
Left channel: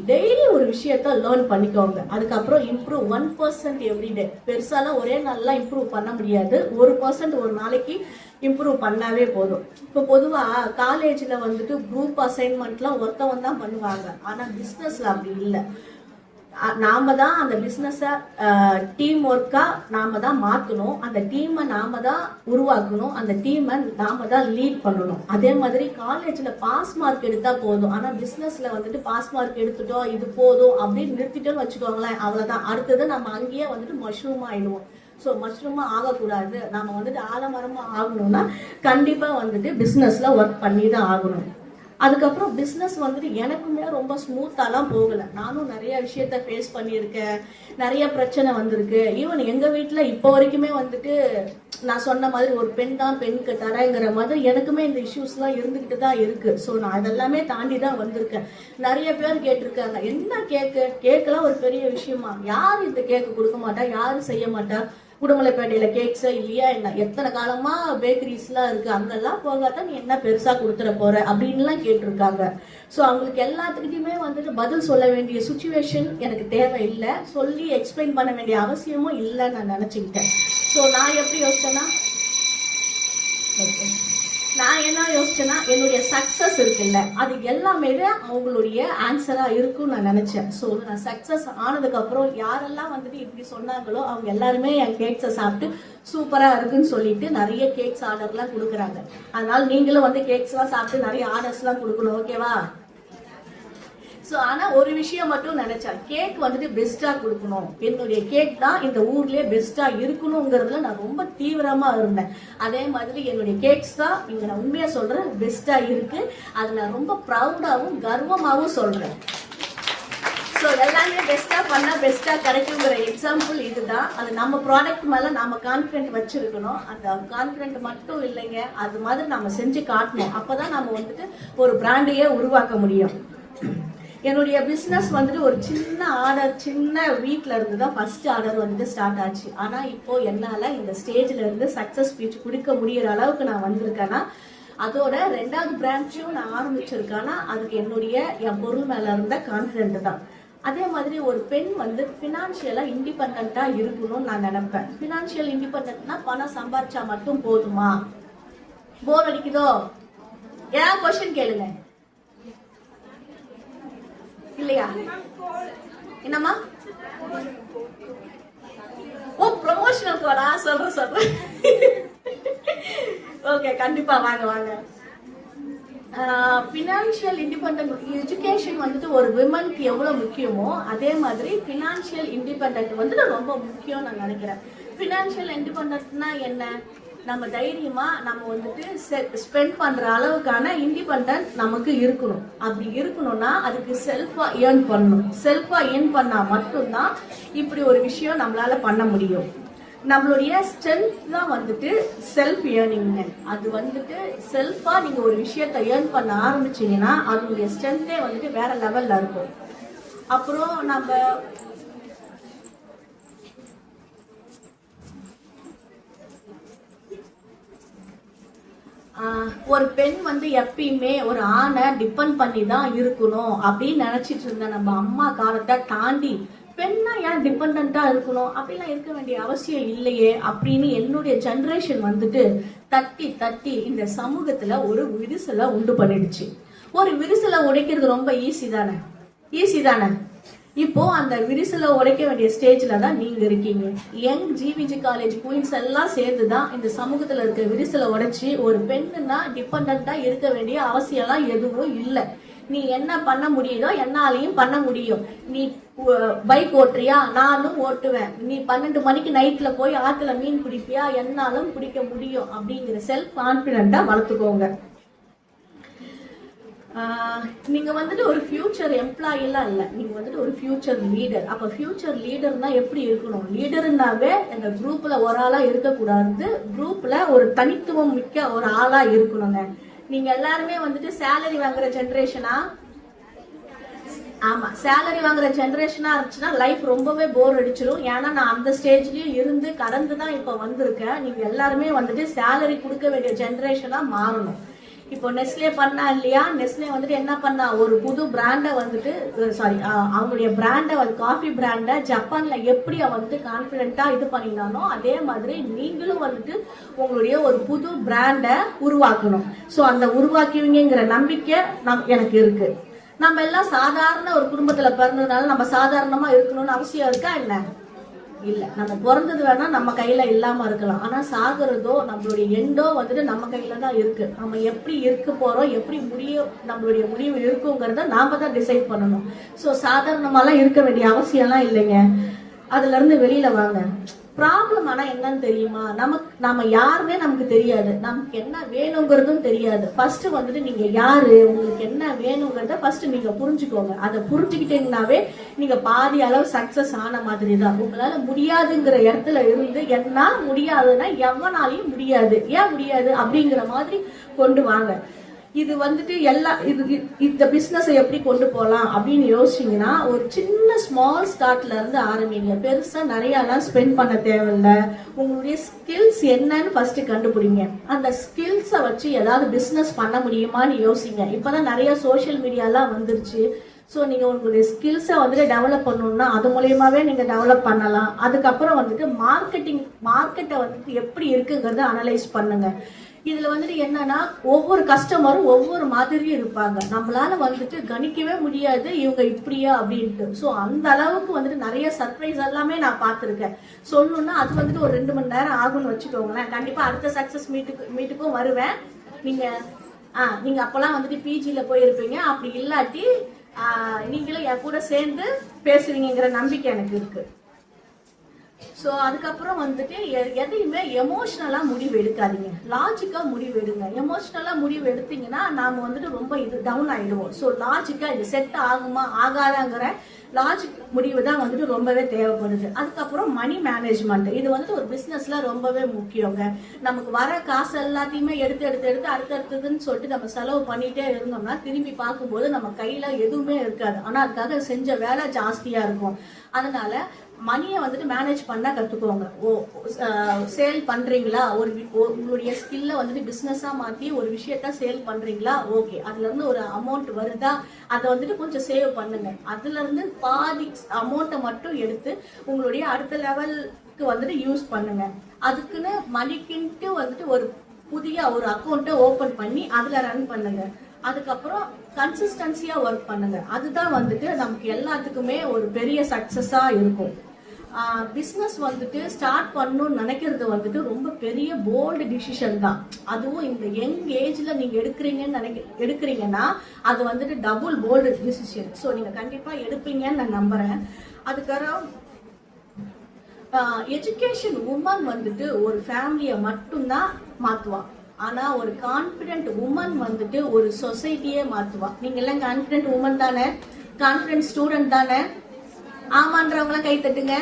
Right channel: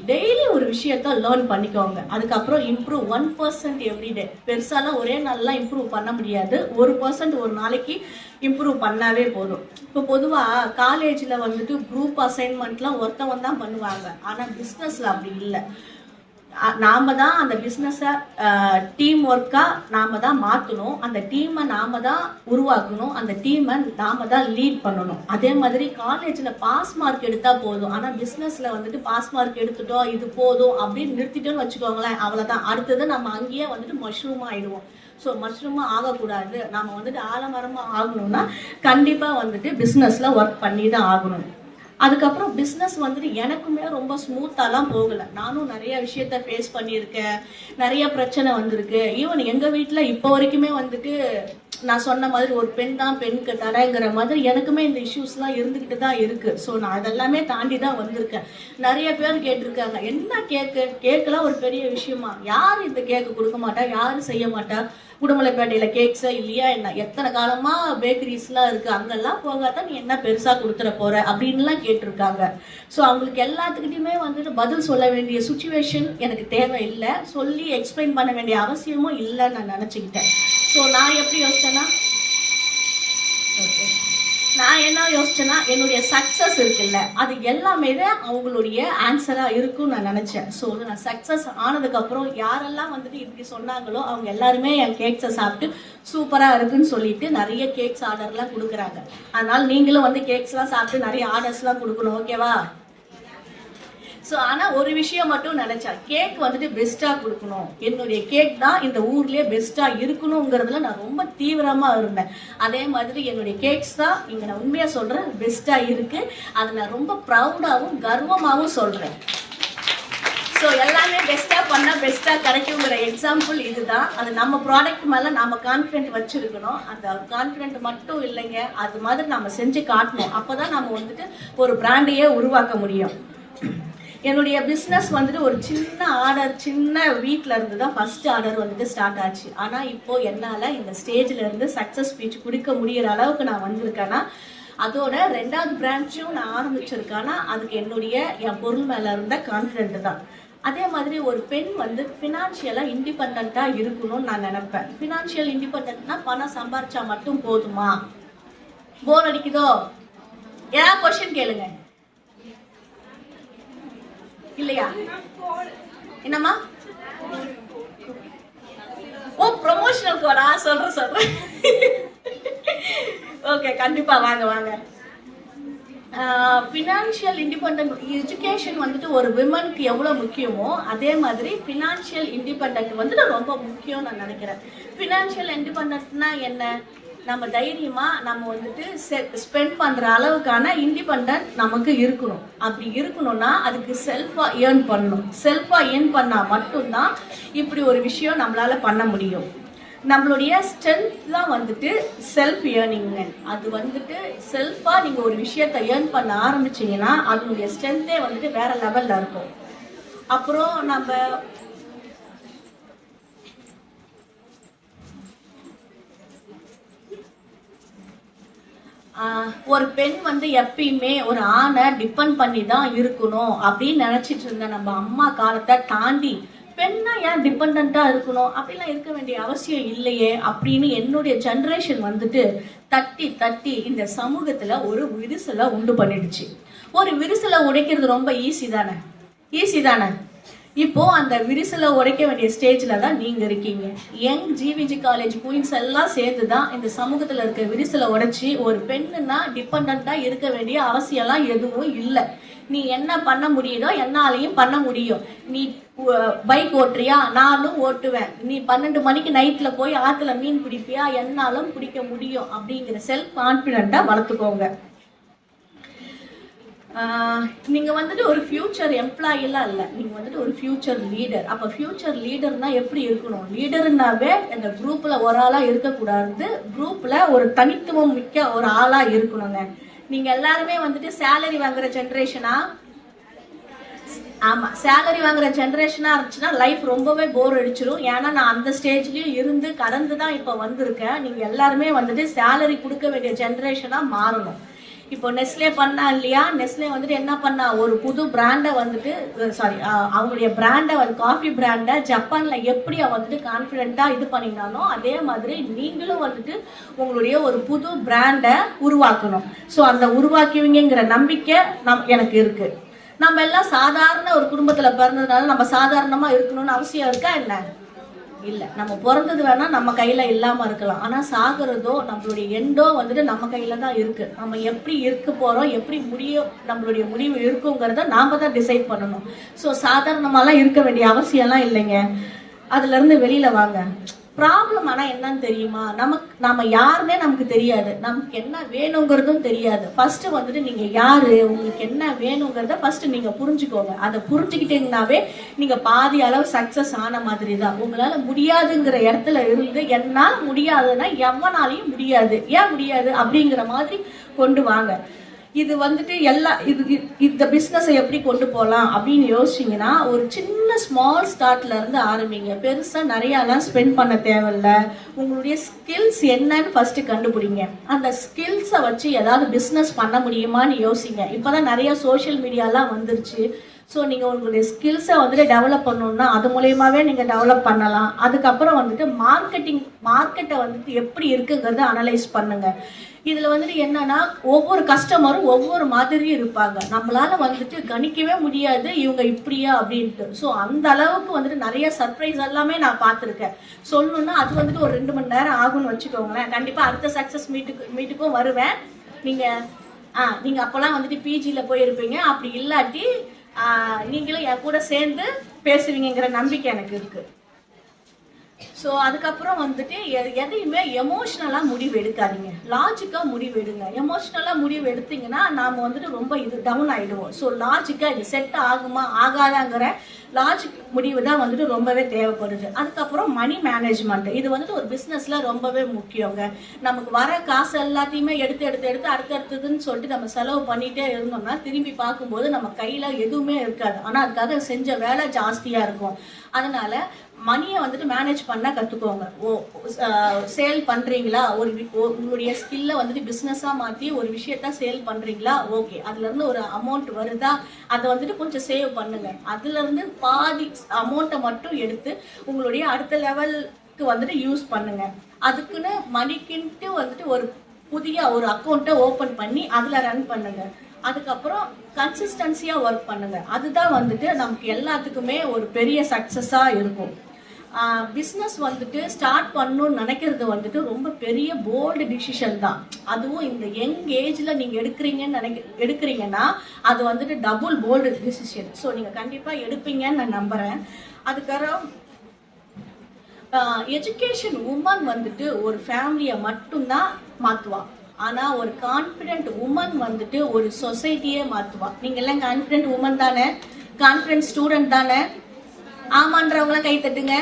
டெய்லி ஒரு விஷயத்த லேர்ன் பண்ணிக்கோங்க. அதுக்கப்புறம் இம்ப்ரூவ் 1% எவ்ரிடே. பெருசாலாம் ஒரே நாள்லாம் இம்ப்ரூவ் பண்ண முடியாது. 1% ஒரு நாளைக்கு இம்ப்ரூவ் பண்ணாவே போதும். இப்போ பொதுவா காலேஜ்ல வந்துட்டு குரூப் அசைன்மெண்ட்லாம் ஒருத்தவன் தான் பண்ணுவாங்க. ஆனா பிசினஸ்ல அப்படி இல்லை. நாம தான் அந்த பிசினஸ டீம் ஒர்க்கா நாம தான் மாத்தணும். அந்த டீமை நாம தான் உருவாக்கணும். அந்த டீமை நாம தான் லீட் பண்ணணும். அதே மாதிரி காலேஜ்ல பாஸ் மார்க் எடுத்தா போதும். ஆனா பிசினஸ்ல வந்துட்டு பாஸ் மார்க் எடுத்துட்டோம், இது போதும் அப்படின்னு நிறுத்திட்டோம்னு வச்சுக்கோங்களேன், அவ்வளவுதான். அடுத்தது நம்ம அங்கேயே வந்துட்டு மஷ்ரூம் ஆயிடுவோம். ஸோ மஷ்ரூமா ஆகக்கூடாது. நம்ம வந்துட்டு ஆலமரமா ஆகணும்னா கண்டிப்பா வந்துட்டு பிசினஸ்ல ஒர்க் பண்ணி தான் ஆகணும். அதுக்கப்புறம் பிஸ்னஸ் வந்துட்டு எனக்குமே ரொம்ப ஸ்மூத்தாலாம் போகலை. நானும் நிறைய விஷயத்த ஃபேஸ் பண்ணியிருக்கேன். நிறைய பிரச்சனை வந்திருக்கு. ஈவன் எங்கள் வீட்டில் இப்போ வரைக்குமே வந்துட்டு நான் சொன்ன மாதிரி ஒரு பெண் தான் பெண்ணுக்கு தடைங்கிற மாதிரி எனக்குமே இந்த இஷ்யூஸ்லாம் இருந்துக்கிட்டு தான் இருக்குது. ஸோ நான் அதெல்லாமே தாண்டி தான் வந்திருக்கேன். நிறைய பேர் கேட்டிருக்காங்க, என்ன கேக்கெல்லாம் ஒரு பெரிய விஷயமா? யார் இந்த கேக்கு கொடுக்க மாட்டா, யாரும் செய்ய மாட்டா? உடுமலைப்பேட்டையில கேக்ஸா இல்லையா என்ன? எத்தனை காலமா பேக்கரிஸ்லாம் இருக்கு, அங்கெல்லாம் போகாதான் நீ என்ன பெருசா கொடுத்துட போற அப்படின்லாம் கேட்டிருக்காங்க. ஸோ அவங்களுக்கு எல்லாத்துக்கிட்டையுமே வந்துட்டு பதில் சொல்ல வேண்டிய சுச்சுவேஷன் எனக்கு தேவை இல்லை. சொல்லி எக்ஸ்பிளைன் பண்ண வேண்டிய அவசியமும் இல்லைன்னு நான் நினைச்சுக்கிட்டேன். ஸோ நான் எப்படி யோசிச்சேன்னா, என்னுடைய சக்சஸ் இருக்குல்ல, அது எல்லாமே தான் அவங்களுடைய ஆன்சரா இருக்கும்னு நான் நினைச்சேன். ஸோ நான் சக்சஸ் ஆனதுக்கு அப்புறம் யாரெல்லாம் வந்துட்டு இப்படி சொன்னாங்களோ அவங்க எல்லாருமே என் கேக்ஸை சாப்பிட்டு சூப்பரா இருக்குன்னு சொல்லிட்டு நிறைய கேக்ஸ் ஆர்டர்லாம் கொடுக்குறாங்க. அதனால நீங்களும் வந்து கேக்ஸ்லாம் சாப்பிட்டு நிறைய ஆர்டர்ஸ்லாம் கொடுக்கணும், ஓகேவா? ஸோ ஆனால் ஒரு விஷயம் மட்டும் நினைச்சேன், கேக் வந்துட்டு பெஸ்டா கொடுக்கணும். என்னுடைய கேக் தான் இந்த ஊர்லயே பெஸ்டா இருக்கணுங்கிறதுல நான் ரொம்ப தீவிரமா இருந்தேன். அதே மாதிரி என்னுடைய கேக்ஸ் தான் இங்க நான் உண்மையா சொல்றேன் பெஸ்டா இருக்கு. அதை நான் ரொம்ப ப்ரௌடாகவும் கர்வமாகவும் சொல்றேன். ஸோ எல்லாமே பெஸ்டா பண்ணா பெஸ்டா கிடைக்குங்கிற எக்ஸாம்பிள் இதுதான். அது நம்ம ப்ராடக்ட் மேல நம்ம கான்ஃபிடென்ட் வச்சிருக்கணும். அந்த கான்ஃபிடென்ட் மட்டும் இல்லைங்க, அது மாதிரி நம்ம செஞ்சு காட்டணும். அப்பதான் நம்ம வந்துட்டு ஒரு பிராண்டையே உருவாக்க முடியும். என்னுடைய பிஸ்னஸ் வந்துட்டு ஒரு சின்ன ஆர்டர், சின்ன வீட்டில் இருந்து தான் ஃபர்ஸ்ட் ஆர்டர் வந்துட்டு ஸ்டார்ட் ஆச்சு. ஆனால் இப்போ என்னால் இந்த ஸ்டேஜில் இருந்து சக்ஸஸ் ஸ்பீச் கொடுக்க முடியிற அளவுக்கு நான் வந்திருக்கேன்னா, அதோட 2வது பிரான்ச்சும் நான் ஆரம்பிச்சிருக்கேன்னா அதுக்கு என் பொருள் மேலே இருந்த கான்ஃபிடென்ட் தான். அதே மாதிரி ஒரு பெண் வந்து ஃபினான்ஷியலாக இண்டிபெண்ட்டாக இருக்கணும்னு நான் நினைப்பேன். ஃபினான்ஷியல் இண்டிபெண்ட்னா பணம் சம்பாரிச்சா மட்டும் போதுமா? போர் அடிக்குதோ? ஏன் கொஸ்டின் கேளுங்க. இல்லையா? என்னம்மா? ஓ, ப்ரொமோஷனல் கோடா? சொல்றேன். ஓகே, கண்டிப்பா வாங்க. ஃபினான்ஷியல் இண்டிபெண்டன்ட் எஜுகேஷன் வந்துட்டு ஒரு விமனுக்கு எவ்வளவு முக்கியமோ அதே மாதிரி ஃபினான்ஷியல் இண்டிபெண்டன்ட் வந்துட்டு ரொம்ப முக்கியம் நான் நினைக்கிறேன். ஃபினான்ஷியல் இண்டிபெண்டன்ட்னா என்ன? நம்ம தைரியமா நம்ம வந்துட்டு ஸ்பெண்ட் பண்ற அளவுக்கான இண்டிபெண்டன்ட் நமக்கு இருக்கணும். அப்படி இருக்கணும்னா அதுக்கு செல்ஃபா ஏர்ன் பண்ணணும். செல்ஃபா ஏர்ன் பண்ணா மட்டும்தான் இப்படி ஒரு விஷயம் நம்மளால பண்ண முடியும். நம்மளுடைய ஸ்ட்ரென்த் தான் வந்துட்டு செல்ஃப் ஏர்னிங். அது வந்துட்டு செல்ஃபா நீங்க ஒரு விஷயத்த ஏர்ன் பண்ண ஆரம்பிச்சீங்கன்னா அதனுடைய ஸ்ட்ரென்த்தே வந்துட்டு வேற லெவல்ல இருக்கும். அப்புறம் நம்ம ஒரு பெண் வந்து எப்பயுமே ஒரு ஆணை டிபெண்ட் பண்ணி தான் இருக்கணும் அப்படின்னு நினைச்சிட்டு இருந்த நம்ம அம்மா காலத்தை தாண்டி பெண்ணா ஏன் டிபெண்டா இருக்கணும், அப்படிலாம் இருக்க வேண்டிய அவசியம் இல்லையே அப்படின்னு என்னுடைய ஜெனரேஷன் வந்துட்டு தட்டி தட்டி இந்த சமூகத்துல ஒரு விரிசலை உண்டு பண்ணிடுச்சு. ஒரு விரிசலை உடைக்கிறது ரொம்ப ஈஸி தானே? இப்போ அந்த விரிசலை உடைக்க வேண்டிய ஸ்டேஜ்ல தான் நீங்க இருக்கீங்க. யங் ஜிவிஜி காலேஜ் குயின்ஸ் எல்லாம் சேர்ந்து தான் இந்த சமூகத்துல இருக்க விரிசலை உடைச்சி ஒரு பெண்ணுன்னா டிபெண்டா இருக்க வேண்டிய அவசியம்லாம் எதுவும் இல்லை. நீ என்ன பண்ண முடியுதோ என்னாலையும் பண்ண முடியும். நீ பைக் ஓட்டுறியா, நானும் ஓட்டுவேன். நீ 12 மணிக்கு நைட்ல போய் ஆத்துல மீன் பிடிப்பியா, என்னாலும் பிடிக்க முடியும் அப்படிங்கிற செல்ஃப் கான்பிடென்ட்டா வளர்த்துக்கோங்க. நீங்க வந்துட்டு ஒரு ஃபியூச்சர் எம்ப்ளாயிலாம் இல்லை, நீங்க வந்துட்டு ஒரு ஃபியூச்சர் லீடர். அப்ப ஃபியூச்சர் லீடர்னா எப்படி இருக்கணும்? லீடர்னாவே இந்த குரூப்ல ஒரு ஆளா இருக்கக்கூடாது, குரூப்ல ஒரு தனித்துவம் மிக்க ஒரு ஆளா இருக்கணுங்க. நீங்க எல்லாருமே வந்துட்டு சேலரி வாங்குற ஜெனரேஷனா? ஆமா, சேலரி வாங்குற ஜெனரேஷனா இருந்துச்சுன்னா லைஃப் ரொம்பவே போர் அடிச்சிடும். ஏன்னா நான் அந்த ஸ்டேஜ்லயும் இருந்து கடந்து தான் இப்ப வந்திருக்கேன். நீங்க எல்லாருமே வந்துட்டு சேலரி கொடுக்க வேண்டிய ஜெனரேஷனா மாறணும். இப்போ நெஸ்லே பண்ணா இல்லையா, நெஸ்லே வந்துட்டு என்ன பண்ணா, ஒரு புது பிராண்டை வந்துட்டு அவங்களுடைய பிராண்டை காஃபி பிராண்டை ஜப்பான்ல எப்படி வந்துட்டு கான்பிடென்ட்டா இது பண்ணினானோ அதே மாதிரி நீங்களும் வந்துட்டு உங்களுடைய ஒரு புது பிராண்டை உருவாக்கணும். ஸோ அந்த உருவாக்குவீங்கிற நம்பிக்கை எனக்கு இருக்கு. நம்ம எல்லாம் சாதாரண ஒரு குடும்பத்துல பிறந்ததுனால நம்ம சாதாரணமா இருக்கணும்னு அவசியம் இருக்கா என்ன? இல்ல. நம்ம பிறந்தது வேணா நம்ம கையில இல்லாம இருக்கலாம், ஆனா சாகுறதோ நம்மளுடைய எண்டோ வந்துட்டு நம்ம கையில தான் இருக்கு. நம்ம எப்படி இருக்க போறோம், எப்படி நம்மளுடைய முடிவு இருக்குங்கிறத நாம தான் டிசைட் பண்ணணும். ஸோ சாதாரணமாலாம் இருக்க வேண்டிய அவசியம்லாம் இல்லைங்க. அதுல இருந்து வெளியில வாங்க. ப்ராப்ளம் ஆனா என்னன்னு தெரியுமா, நம்ம யாருன்னே நமக்கு தெரியாது, நமக்கு என்ன வேணுங்கிறதும் தெரியாது. ஃபர்ஸ்ட் வந்துட்டு நீங்க யாரு, உங்களுக்கு என்ன வேணுங்கிறத ஃபர்ஸ்ட் நீங்க புரிஞ்சுக்கோங்க. அதை புரிஞ்சுக்கிட்டீங்கன்னாவே நீங்க பாதி அளவு சக்சஸ் ஆன மாதிரி தான். உங்களால முடியாதுங்கிற இடத்துல இருந்து என்னால முடியாதுன்னா எவனாலையும் முடியாது, ஏன் முடியாது அப்படிங்கிற மாதிரி கொண்டு வாங்க. இது வந்துட்டு இந்த பிசினஸ் எப்படி கொண்டு போகலாம் அப்படின்னு யோசிச்சீங்கன்னா ஒரு சின்ன ஸ்மால் ஸ்டார்ட்ல இருந்து ஆரம்பிங்க. பெருசா நிறைய எல்லாம் ஸ்பெண்ட் பண்ண தேவையில்ல. உங்களுடைய ஸ்கில்ஸ் என்னன்னு ஃபர்ஸ்ட் கண்டுபிடிங்க. அந்த ஸ்கில்ஸை வச்சு ஏதாவது பிசினஸ் பண்ண முடியுமான்னு யோசிங்க. இப்பதான் நிறைய சோசியல் மீடியாலாம் வந்துருச்சு. ஸோ நீங்கள் உங்களுடைய ஸ்கில்ஸை வந்துட்டு டெவலப் பண்ணணும்னா அது மூலயமாவே நீங்கள் டெவலப் பண்ணலாம். அதுக்கப்புறம் வந்துட்டு மார்க்கெட்டை வந்துட்டு எப்படி இருக்குங்கிறத அனலைஸ் பண்ணுங்க. இதில் வந்துட்டு என்னன்னா ஒவ்வொரு கஸ்டமரும் ஒவ்வொரு மாதிரி இருப்பாங்க. நம்மளால வந்துட்டு கணிக்கவே முடியாது இவங்க இப்படியா அப்படின்ட்டு. ஸோ அந்த அளவுக்கு வந்துட்டு நிறைய சர்ப்ரைஸ் எல்லாமே நான் பார்த்துருக்கேன். சொல்லணும்னா அது வந்துட்டு ஒரு 2 மணி நேரம் ஆகும்னு வச்சுக்கோங்களேன். கண்டிப்பாக அடுத்த சக்ஸஸ் மீட்டுக்கும் வருவேன். நீங்க அப்போல்லாம் வந்துட்டு பிஜியில் போயிருப்பீங்க. அப்படி இல்லாட்டி நீங்களும் என் கூட சேர்ந்து பேசுவீங்கிற நம்பிக்கை எனக்கு இருக்கு. ஸோ அதுக்கப்புறம் வந்துட்டு எதையுமே எமோஷ்னலா முடிவு எடுக்காதீங்க, லாஜிக்கா முடிவு எடுங்க. எமோஷ்னலா முடிவு எடுத்தீங்கன்னா நாம வந்துட்டு ரொம்ப டவுன் ஆயிடுவோம். ஸோ லாஜிக்கா இது செட் ஆகுமா ஆகாதாங்கிற லாஜிக் முடிவு தான் வந்துட்டு ரொம்பவே தேவைப்படுது. அதுக்கப்புறம் மணி மேனேஜ்மெண்ட், இது வந்துட்டு ஒரு பிசினஸ்ல ரொம்பவே முக்கியங்க. நமக்கு வர காசு எல்லாத்தையுமே எடுத்து அடுத்தடுத்ததுன்னு சொல்லிட்டு நம்ம செலவு பண்ணிட்டே இருந்தோம்னா திரும்பி பார்க்கும்போது நம்ம கையில எதுவுமே இருக்காது. ஆனா அதுக்காக செஞ்ச வேலை ஜாஸ்தியா இருக்கும். அதனால மணியை வந்துட்டு மேனேஜ் பண்ண கத்துக்கோங்க. சேல் பண்றீங்களா, உங்களுடைய ஸ்கில்ல வந்துட்டு பிசினஸா மாத்தி ஒரு விஷயத்த சேல் பண்றீங்களா, ஓகே, அதுல இருந்து ஒரு அமௌண்ட் வருதா, அதை வந்துட்டு கொஞ்சம் சேவ் பண்ணுங்க. அதுல இருந்து பாதி அமௌண்ட்டை மட்டும் எடுத்து உங்களுடைய அடுத்த லெவலுக்கு வந்துட்டு யூஸ் பண்ணுங்க. அதுக்குன்னு மணிக்குன்ட்டு வந்துட்டு ஒரு புதிய ஒரு அக்கௌண்ட்டை ஓபன் பண்ணி அதுல ரன் பண்ணுங்க. அதுக்கப்புறம் கன்சிஸ்டன்சியா ஒர்க் பண்ணுங்க. அதுதான் வந்துட்டு நமக்கு எல்லாத்துக்குமே ஒரு பெரிய சக்சஸா இருக்கும். பிஸ்னஸ் வந்துட்டு ஸ்டார்ட் பண்ணணும்னு நினைக்கிறது வந்துட்டு ரொம்ப பெரிய போல்டு டிசிஷன் தான். அதுவும் இந்த யங் ஏஜ்ல நீங்க எடுக்கிறீங்கன்னா அது வந்துட்டு டபுள் போல்டு டிசிஷன். ஸோ நீங்க கண்டிப்பா எடுப்பீங்கன்னு நான் நம்புறேன். அதுக்கப்புறம் எஜுகேஷன் உமன் வந்துட்டு ஒரு ஃபேமிலியை மட்டும்தான் மாத்துவா. ஆனா ஒரு கான்பிடென்ட் உமன் வந்துட்டு ஒரு சொசைட்டியே மாத்துவா. நீங்க எல்லாம் கான்பிடென்ட் உமன் தானே, கான்பிடென்ட் ஸ்டூடெண்ட் தானே? ஆமான்றவங்க கை தட்டுங்க.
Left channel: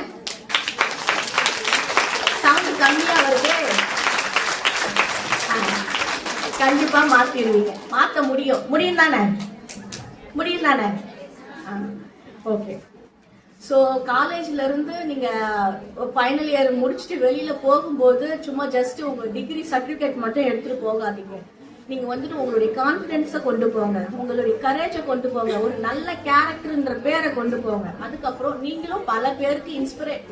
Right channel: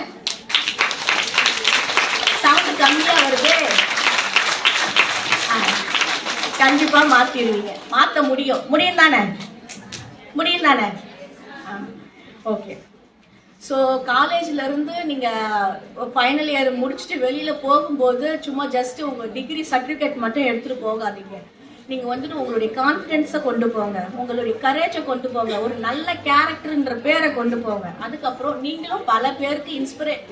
சவுண்ட் கம்மியா வருது. கண்டிப்பா மாத்திடுவீங்க, மாத்த முடியும் தானே? ஓகே. ஸோ காலேஜ்ல இருந்து நீங்க ஃபைனல் இயர் முடிச்சுட்டு வெளியில போகும்போது சும்மா ஜஸ்ட் உங்க டிகிரி சர்டிஃபிகேட் மட்டும் எடுத்துட்டு போகாதீங்க. நீங்க வந்துட்டு உங்களுடைய கான்பிடன்ஸை கொண்டு போங்க, உங்களுடைய கரேஜை கொண்டு போங்க, ஒரு நல்ல கேரக்டர்ன்ற பேரை கொண்டு போங்க. அதுக்கப்புறம் நீங்களும் பல பேருக்கு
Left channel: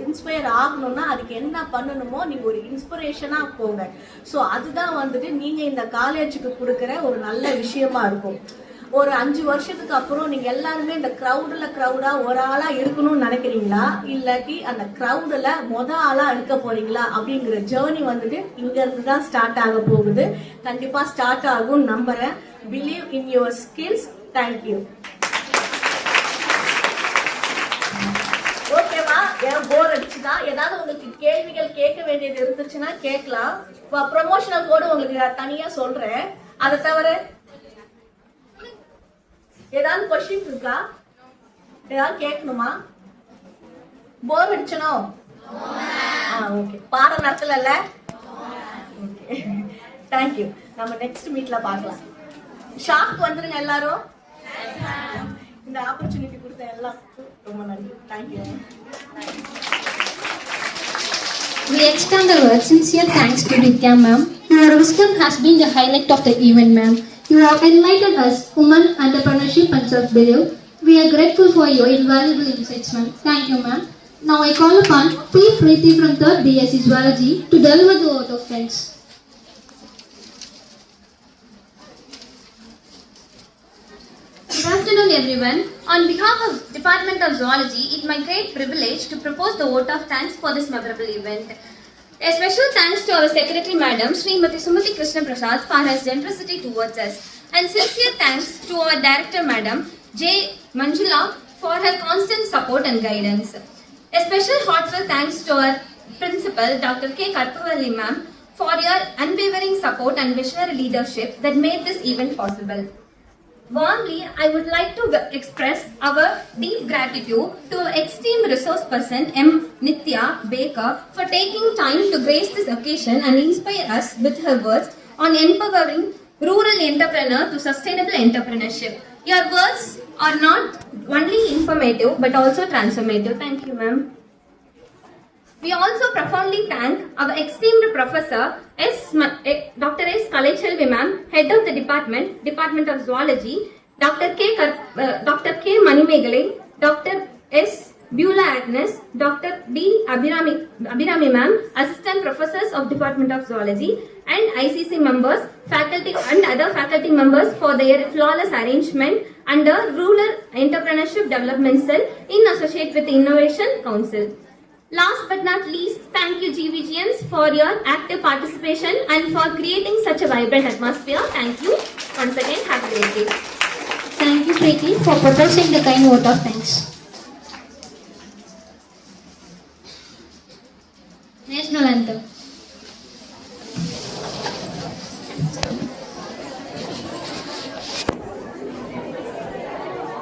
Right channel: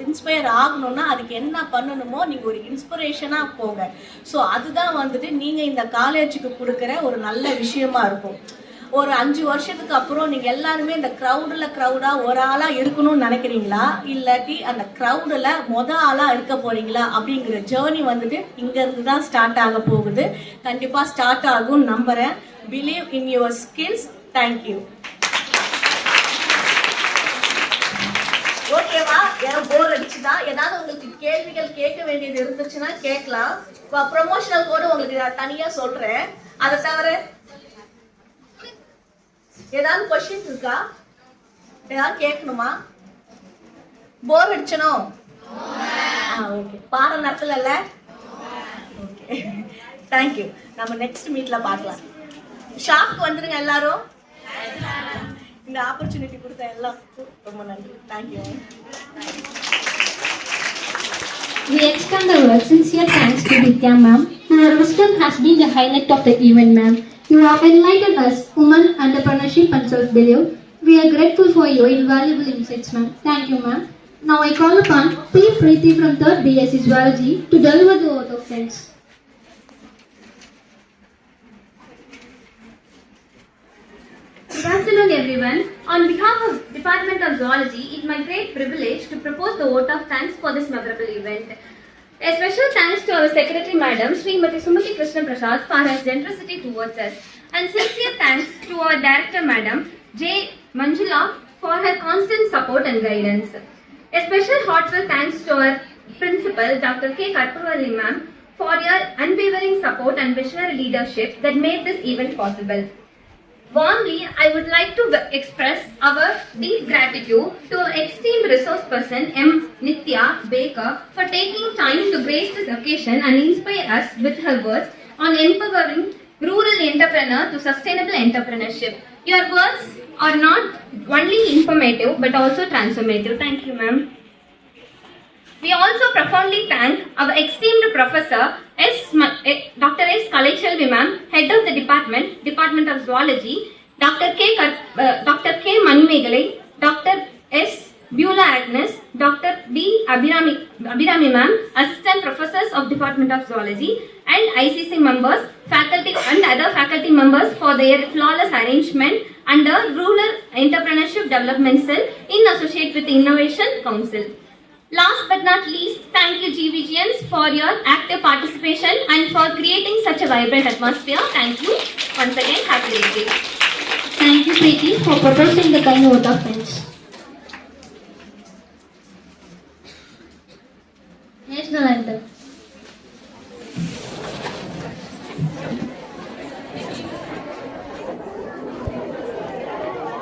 இன்ஸ்பயர் ஆகணும்னா அதுக்கு என்ன பண்ணணுமோ நீங்க ஒரு இன்ஸ்பிரேஷனா போங்க. ஸோ அதுதான் வந்துட்டு நீங்க இந்த காலேஜுக்கு கொடுக்குற ஒரு நல்ல விஷயமா இருக்கும். ஒரு 5 வருஷத்துக்கு அப்புறம் நீங்க எல்லாருமே இந்த க்ரௌடா ஒரு ஆளா இருக்கணும்னு நினைக்கிறீங்களா, இல்லாட்டி அந்த க்ரௌடுல ஆளா இருக்க போறீங்களா அப்படிங்கிற ஜேர்னி வந்துட்டு இங்க இருந்து தான் ஸ்டார்ட் ஆக போகுது. கண்டிப்பா ஸ்டார்ட் ஆகும் நம்புறேன். Believe in your skills. Thank you. ஓகேவா? போர் அடிச்சுதா? ஏதாவது உங்களுக்கு கேள்விகள் கேட்க வேண்டியது இருந்துச்சுன்னா கேட்கலாம். ப்ரமோஷனல் கோடு உங்களுக்கு தனியா சொல்றேன். அதை தவிர ஏதாவது கொஸ்டின் இருக்கா? ஏதாவது கேட்கணுமா? போர் அடிச்சனோ? ஓகே. பாடம் நடத்தல. Okay, thank you. நம்ம நெக்ஸ்ட் மீட்ல பார்க்கலாம். ஷாப்க்கு வந்துருங்க எல்லாரும். இந்த ஆப்பர்ச்சுனிட்டி கொடுத்த எல்லாருக்கும் ரொம்ப நன்றி. Thank you. We extend our sincere thanks to Nithya ma'am. Your wisdom has been the highlight of the event, ma'am. You have enlightened us, women, entrepreneurship and self-belief. We are grateful for your invaluable insights, ma'am. Thank you, ma'am. Now I call upon P. Preeti from 3rd BSc Zoology to deliver the vote of thanks. Good afternoon, everyone. On behalf of Department of Zoology, it's my great privilege to propose the vote of thanks for this memorable event. A special thanks to our Secretary Madam, Srimati Sumati Krishna Prasad, for her generosity towards us. And sincere thanks to our Director Madam, J. Manjula, for her constant support and guidance. A special heartfelt thanks to our Principal, Dr. K. Karpavalli Ma'am, for your unwavering support and visionary leadership that made this event possible. Warmly, I would like to express our deep gratitude to our esteemed resource person M. Nithya Baker for taking time to grace this occasion and inspire us with her words on empowering rural entrepreneur to sustainable entrepreneurship. Your words are not only informative but also transformative. Thank you, ma'am. We also profoundly thank our esteemed Professor Dr. S. Kaleshalvi ma'am, Head of the Department of Zoology, Dr. K. Manimegalai, Dr. S. Beulah Agnes, Dr. D. Abhirami ma'am, Assistant Professors of Department of Zoology, and ICC members, faculty and other faculty members for their flawless arrangement under Rural Entrepreneurship Development Cell in association with the Innovation Council. Last but not least, thank you GVGNs for your active participation and for creating such a vibrant atmosphere. Thank you once again. Happy birthday. Thank you, Preeti, for proposing the kind vote of thanks. National Anthem.